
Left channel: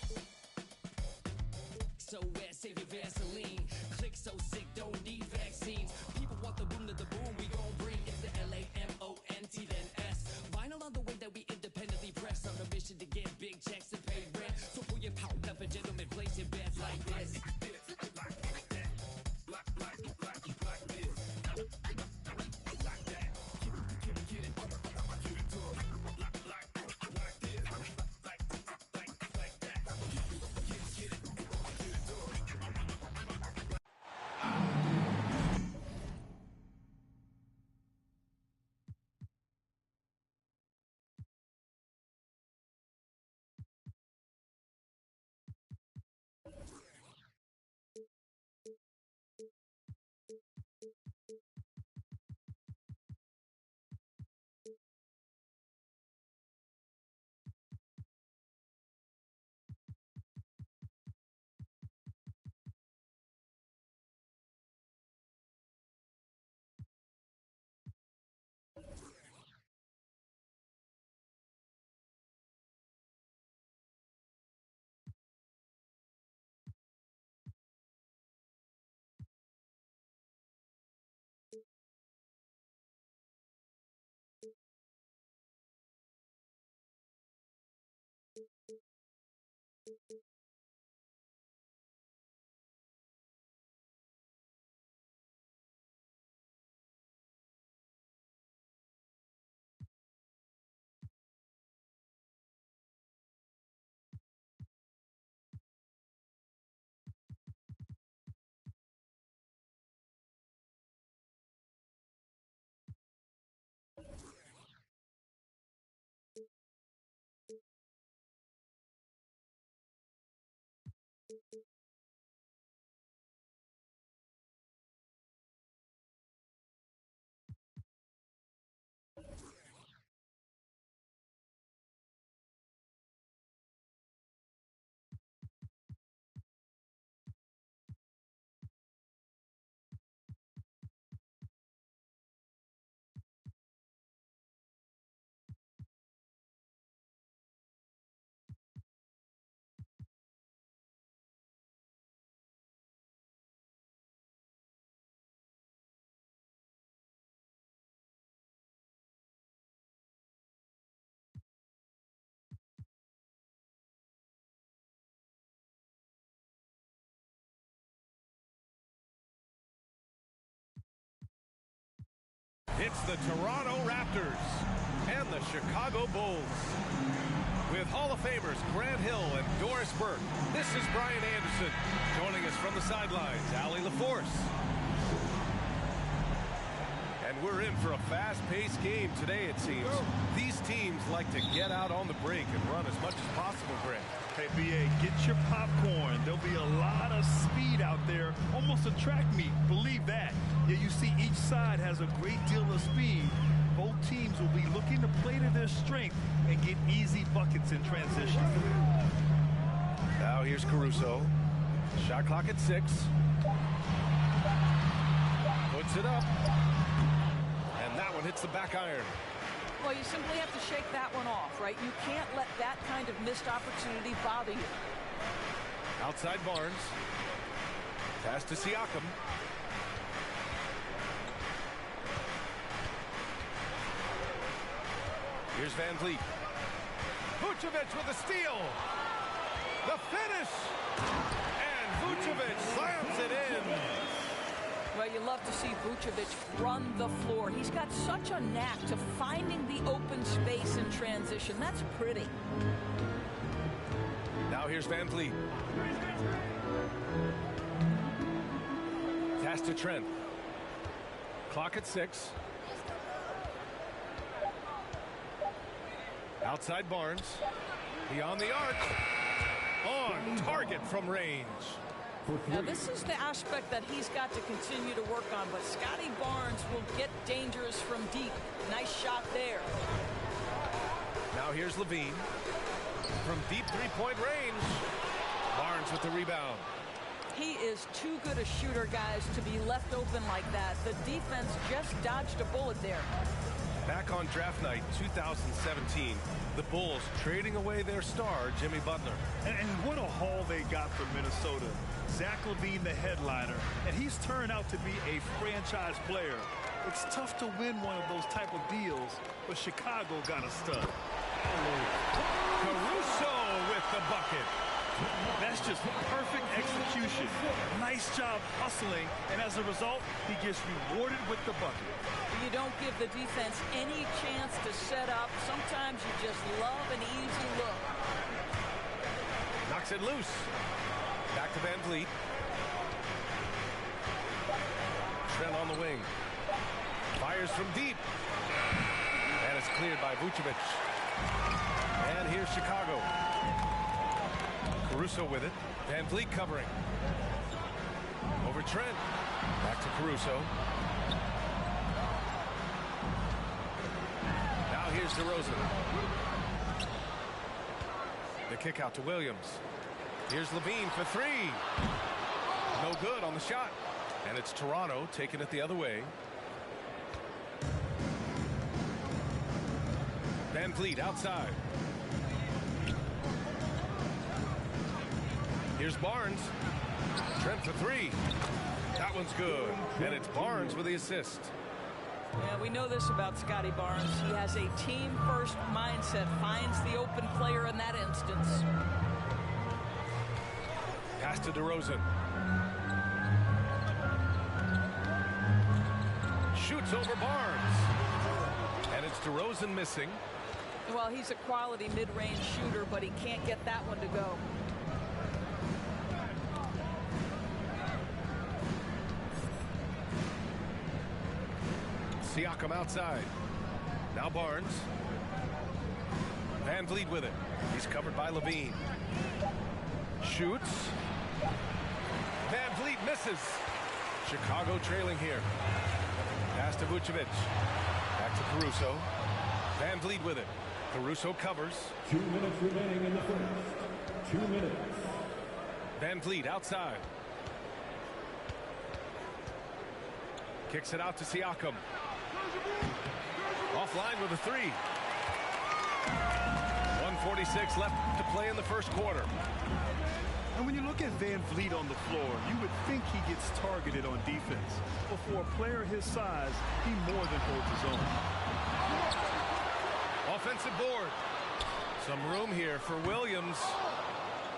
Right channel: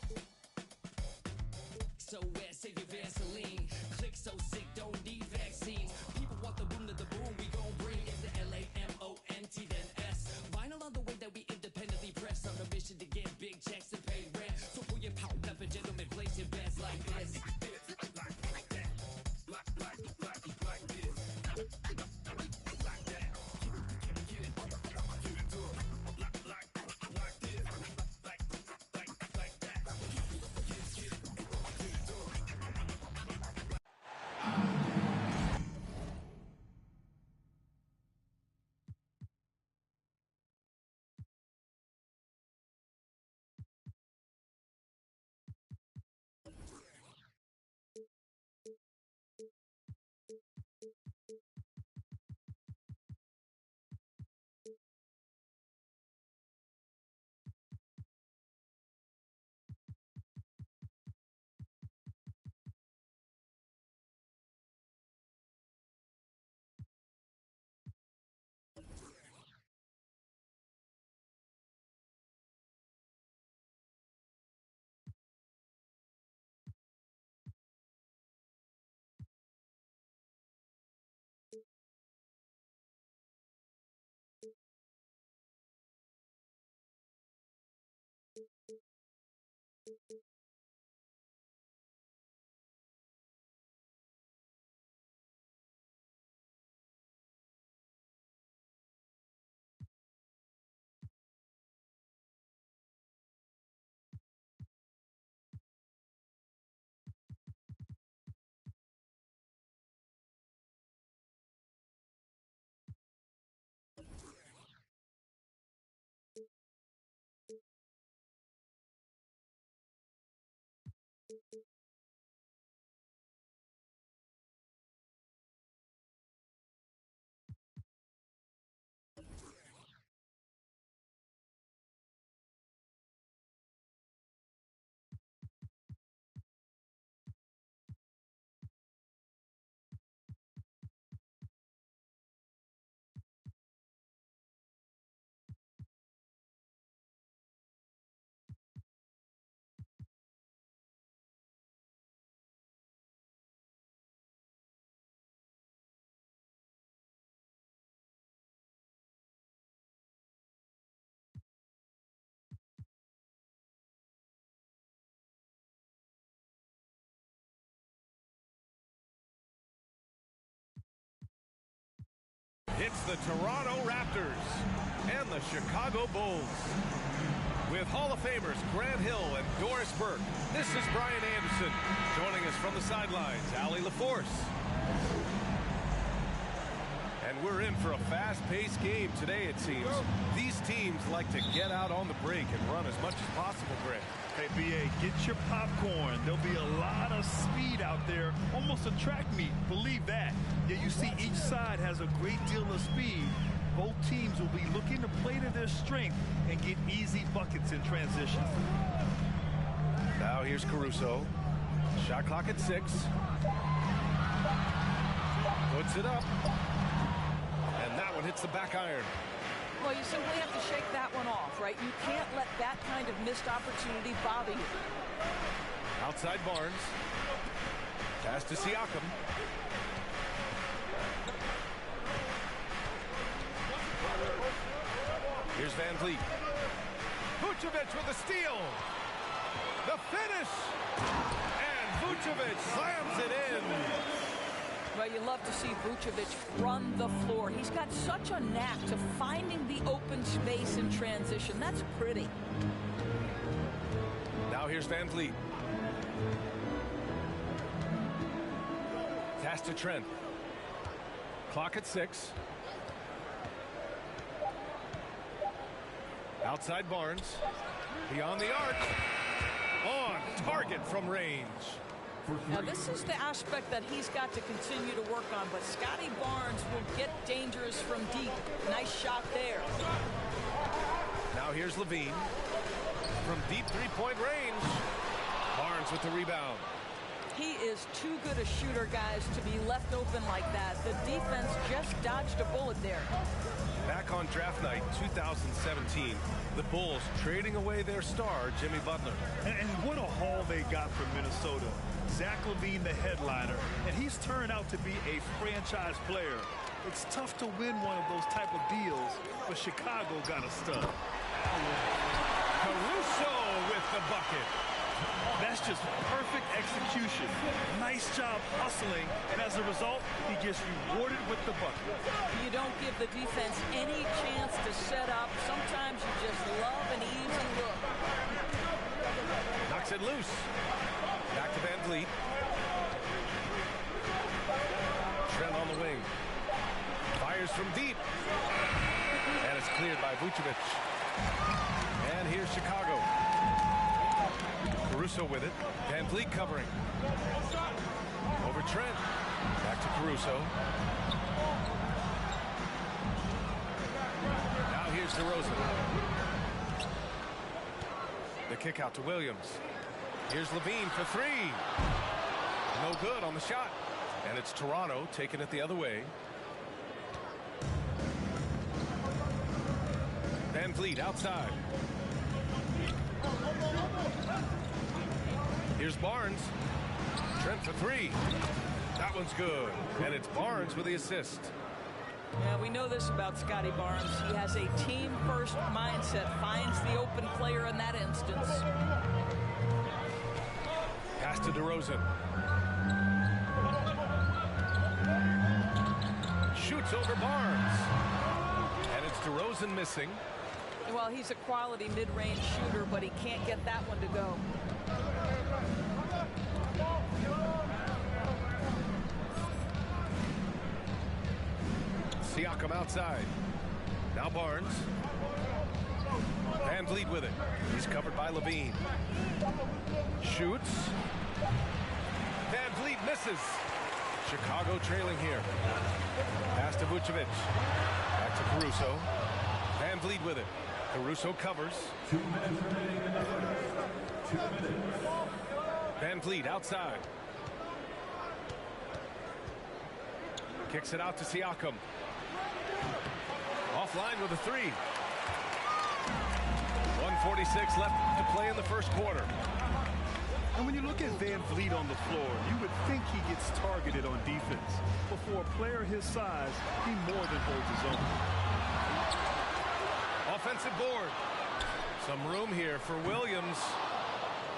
It's the Toronto Raptors and the Chicago Bulls. With Hall of Famers Grant Hill and Doris Burke, this is Brian Anderson. Joining us from the sidelines, Allie LaForce. And we're in for a fast-paced game today, it seems. These teams like to get out on the break and run as much as possible, Grant. Hey, BA, get your popcorn. There'll be a lot of speed out there, almost a track meet. Believe that. Yeah, you see each side has a great deal of speed. Both teams will be looking to play to their strength and get easy buckets in transition. Now here's Caruso. Shot clock at 6. Puts it up. And that one hits the back iron. Well, you simply have to shake that one off, right? You can't let that kind of missed opportunity bother you. Outside Barnes. Pass to Siakam. Here's Van Vliet. Vucevic with a steal. The finish. And Vucevic slams it in. Well, you love to see Vucevic run the floor. He's got such a knack to finding the open space in transition. That's pretty. Now here's Van Vliet. Pass to Trent. Clock at 6. Outside Barnes. Beyond the arc. On target from range. Now, this is the aspect that he's got to continue to work on, but Scotty Barnes will get dangerous from deep. Nice shot there. Now here's Levine. From deep three-point range. Barnes with the rebound. He is too good a shooter, guys, to be left open like that. The defense just dodged a bullet there. Back on draft night 2017, the Bulls trading away their star, Jimmy Butler. And what a haul they got from Minnesota. Zach LaVine, the headliner, and he's turned out to be a franchise player. It's tough to win one of those type of deals, but Chicago got a stud. Caruso with the bucket. That's just perfect execution. Nice job hustling, and as a result, he gets rewarded with the bucket. You don't give the defense any chance to set up. Sometimes you just love an easy look. Knocks it loose. Back to Van Vliet. Trent on the wing. Fires from deep. And it's cleared by Vucevic. And here's Chicago. Caruso with it. Van Vliet covering. Over Trent. Back to Caruso. Now here's DeRozan. The kick out to Williams. Here's Levine for 3. No good on the shot. And it's Toronto taking it the other way. Van Vliet outside. Here's Barnes. Trent for 3. That one's good. And it's Barnes with the assist. Yeah, we know this about Scotty Barnes. He has a team-first mindset. Finds the open player in that instance. Pass to DeRozan. Shoots over Barnes. And it's DeRozan missing. Well, he's a quality mid-range shooter, but he can't get that one to go. Siakam outside. Now Barnes. Van Vliet with it. He's covered by Levine. Shoots. Van Vliet misses. Chicago trailing here. Pass to Vucevic. Back to Caruso. Van Vliet with it. Caruso covers. 2 minutes remaining in the first. 2 minutes. Van Vliet outside. Kicks it out to Siakam. Offline with a 3. 1:46 left to play in the first quarter. And when you look at Van Vliet on the floor, you would think he gets targeted on defense. But for a player his size, he more than holds his own. Offensive board. Some room here for Williams.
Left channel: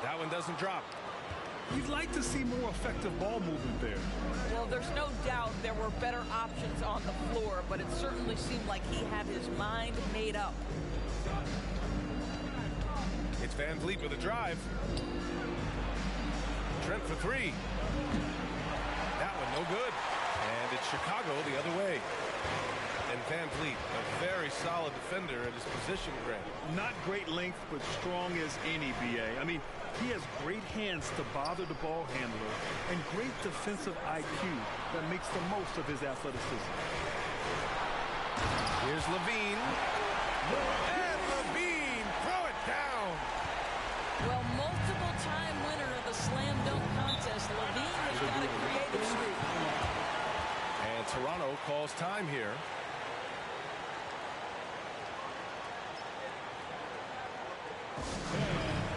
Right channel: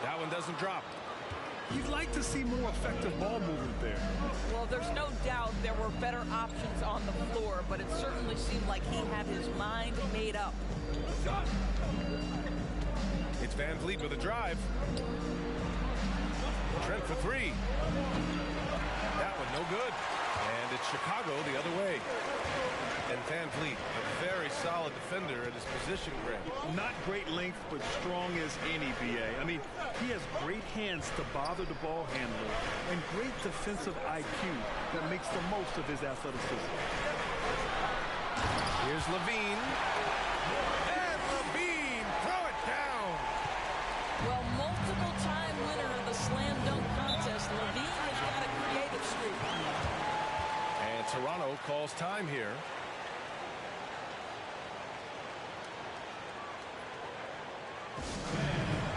That one doesn't drop. You'd like to see more effective ball movement there. Well, there's no doubt there were better options on the floor, but it certainly seemed like he had his mind made up. It's Van Vliet with a drive. Trent for three. That one no good. And it's Chicago the other way. And Van Vliet, a very solid defender at his position, Greg. Not great length, but strong as any, B.A. I mean, he has great hands to bother the ball handler and great defensive IQ that makes the most of his athleticism. Here's Levine. And Levine, throw it down. Well, multiple-time winner of the slam dunk contest, Levine has got a creative streak. And Toronto calls time here.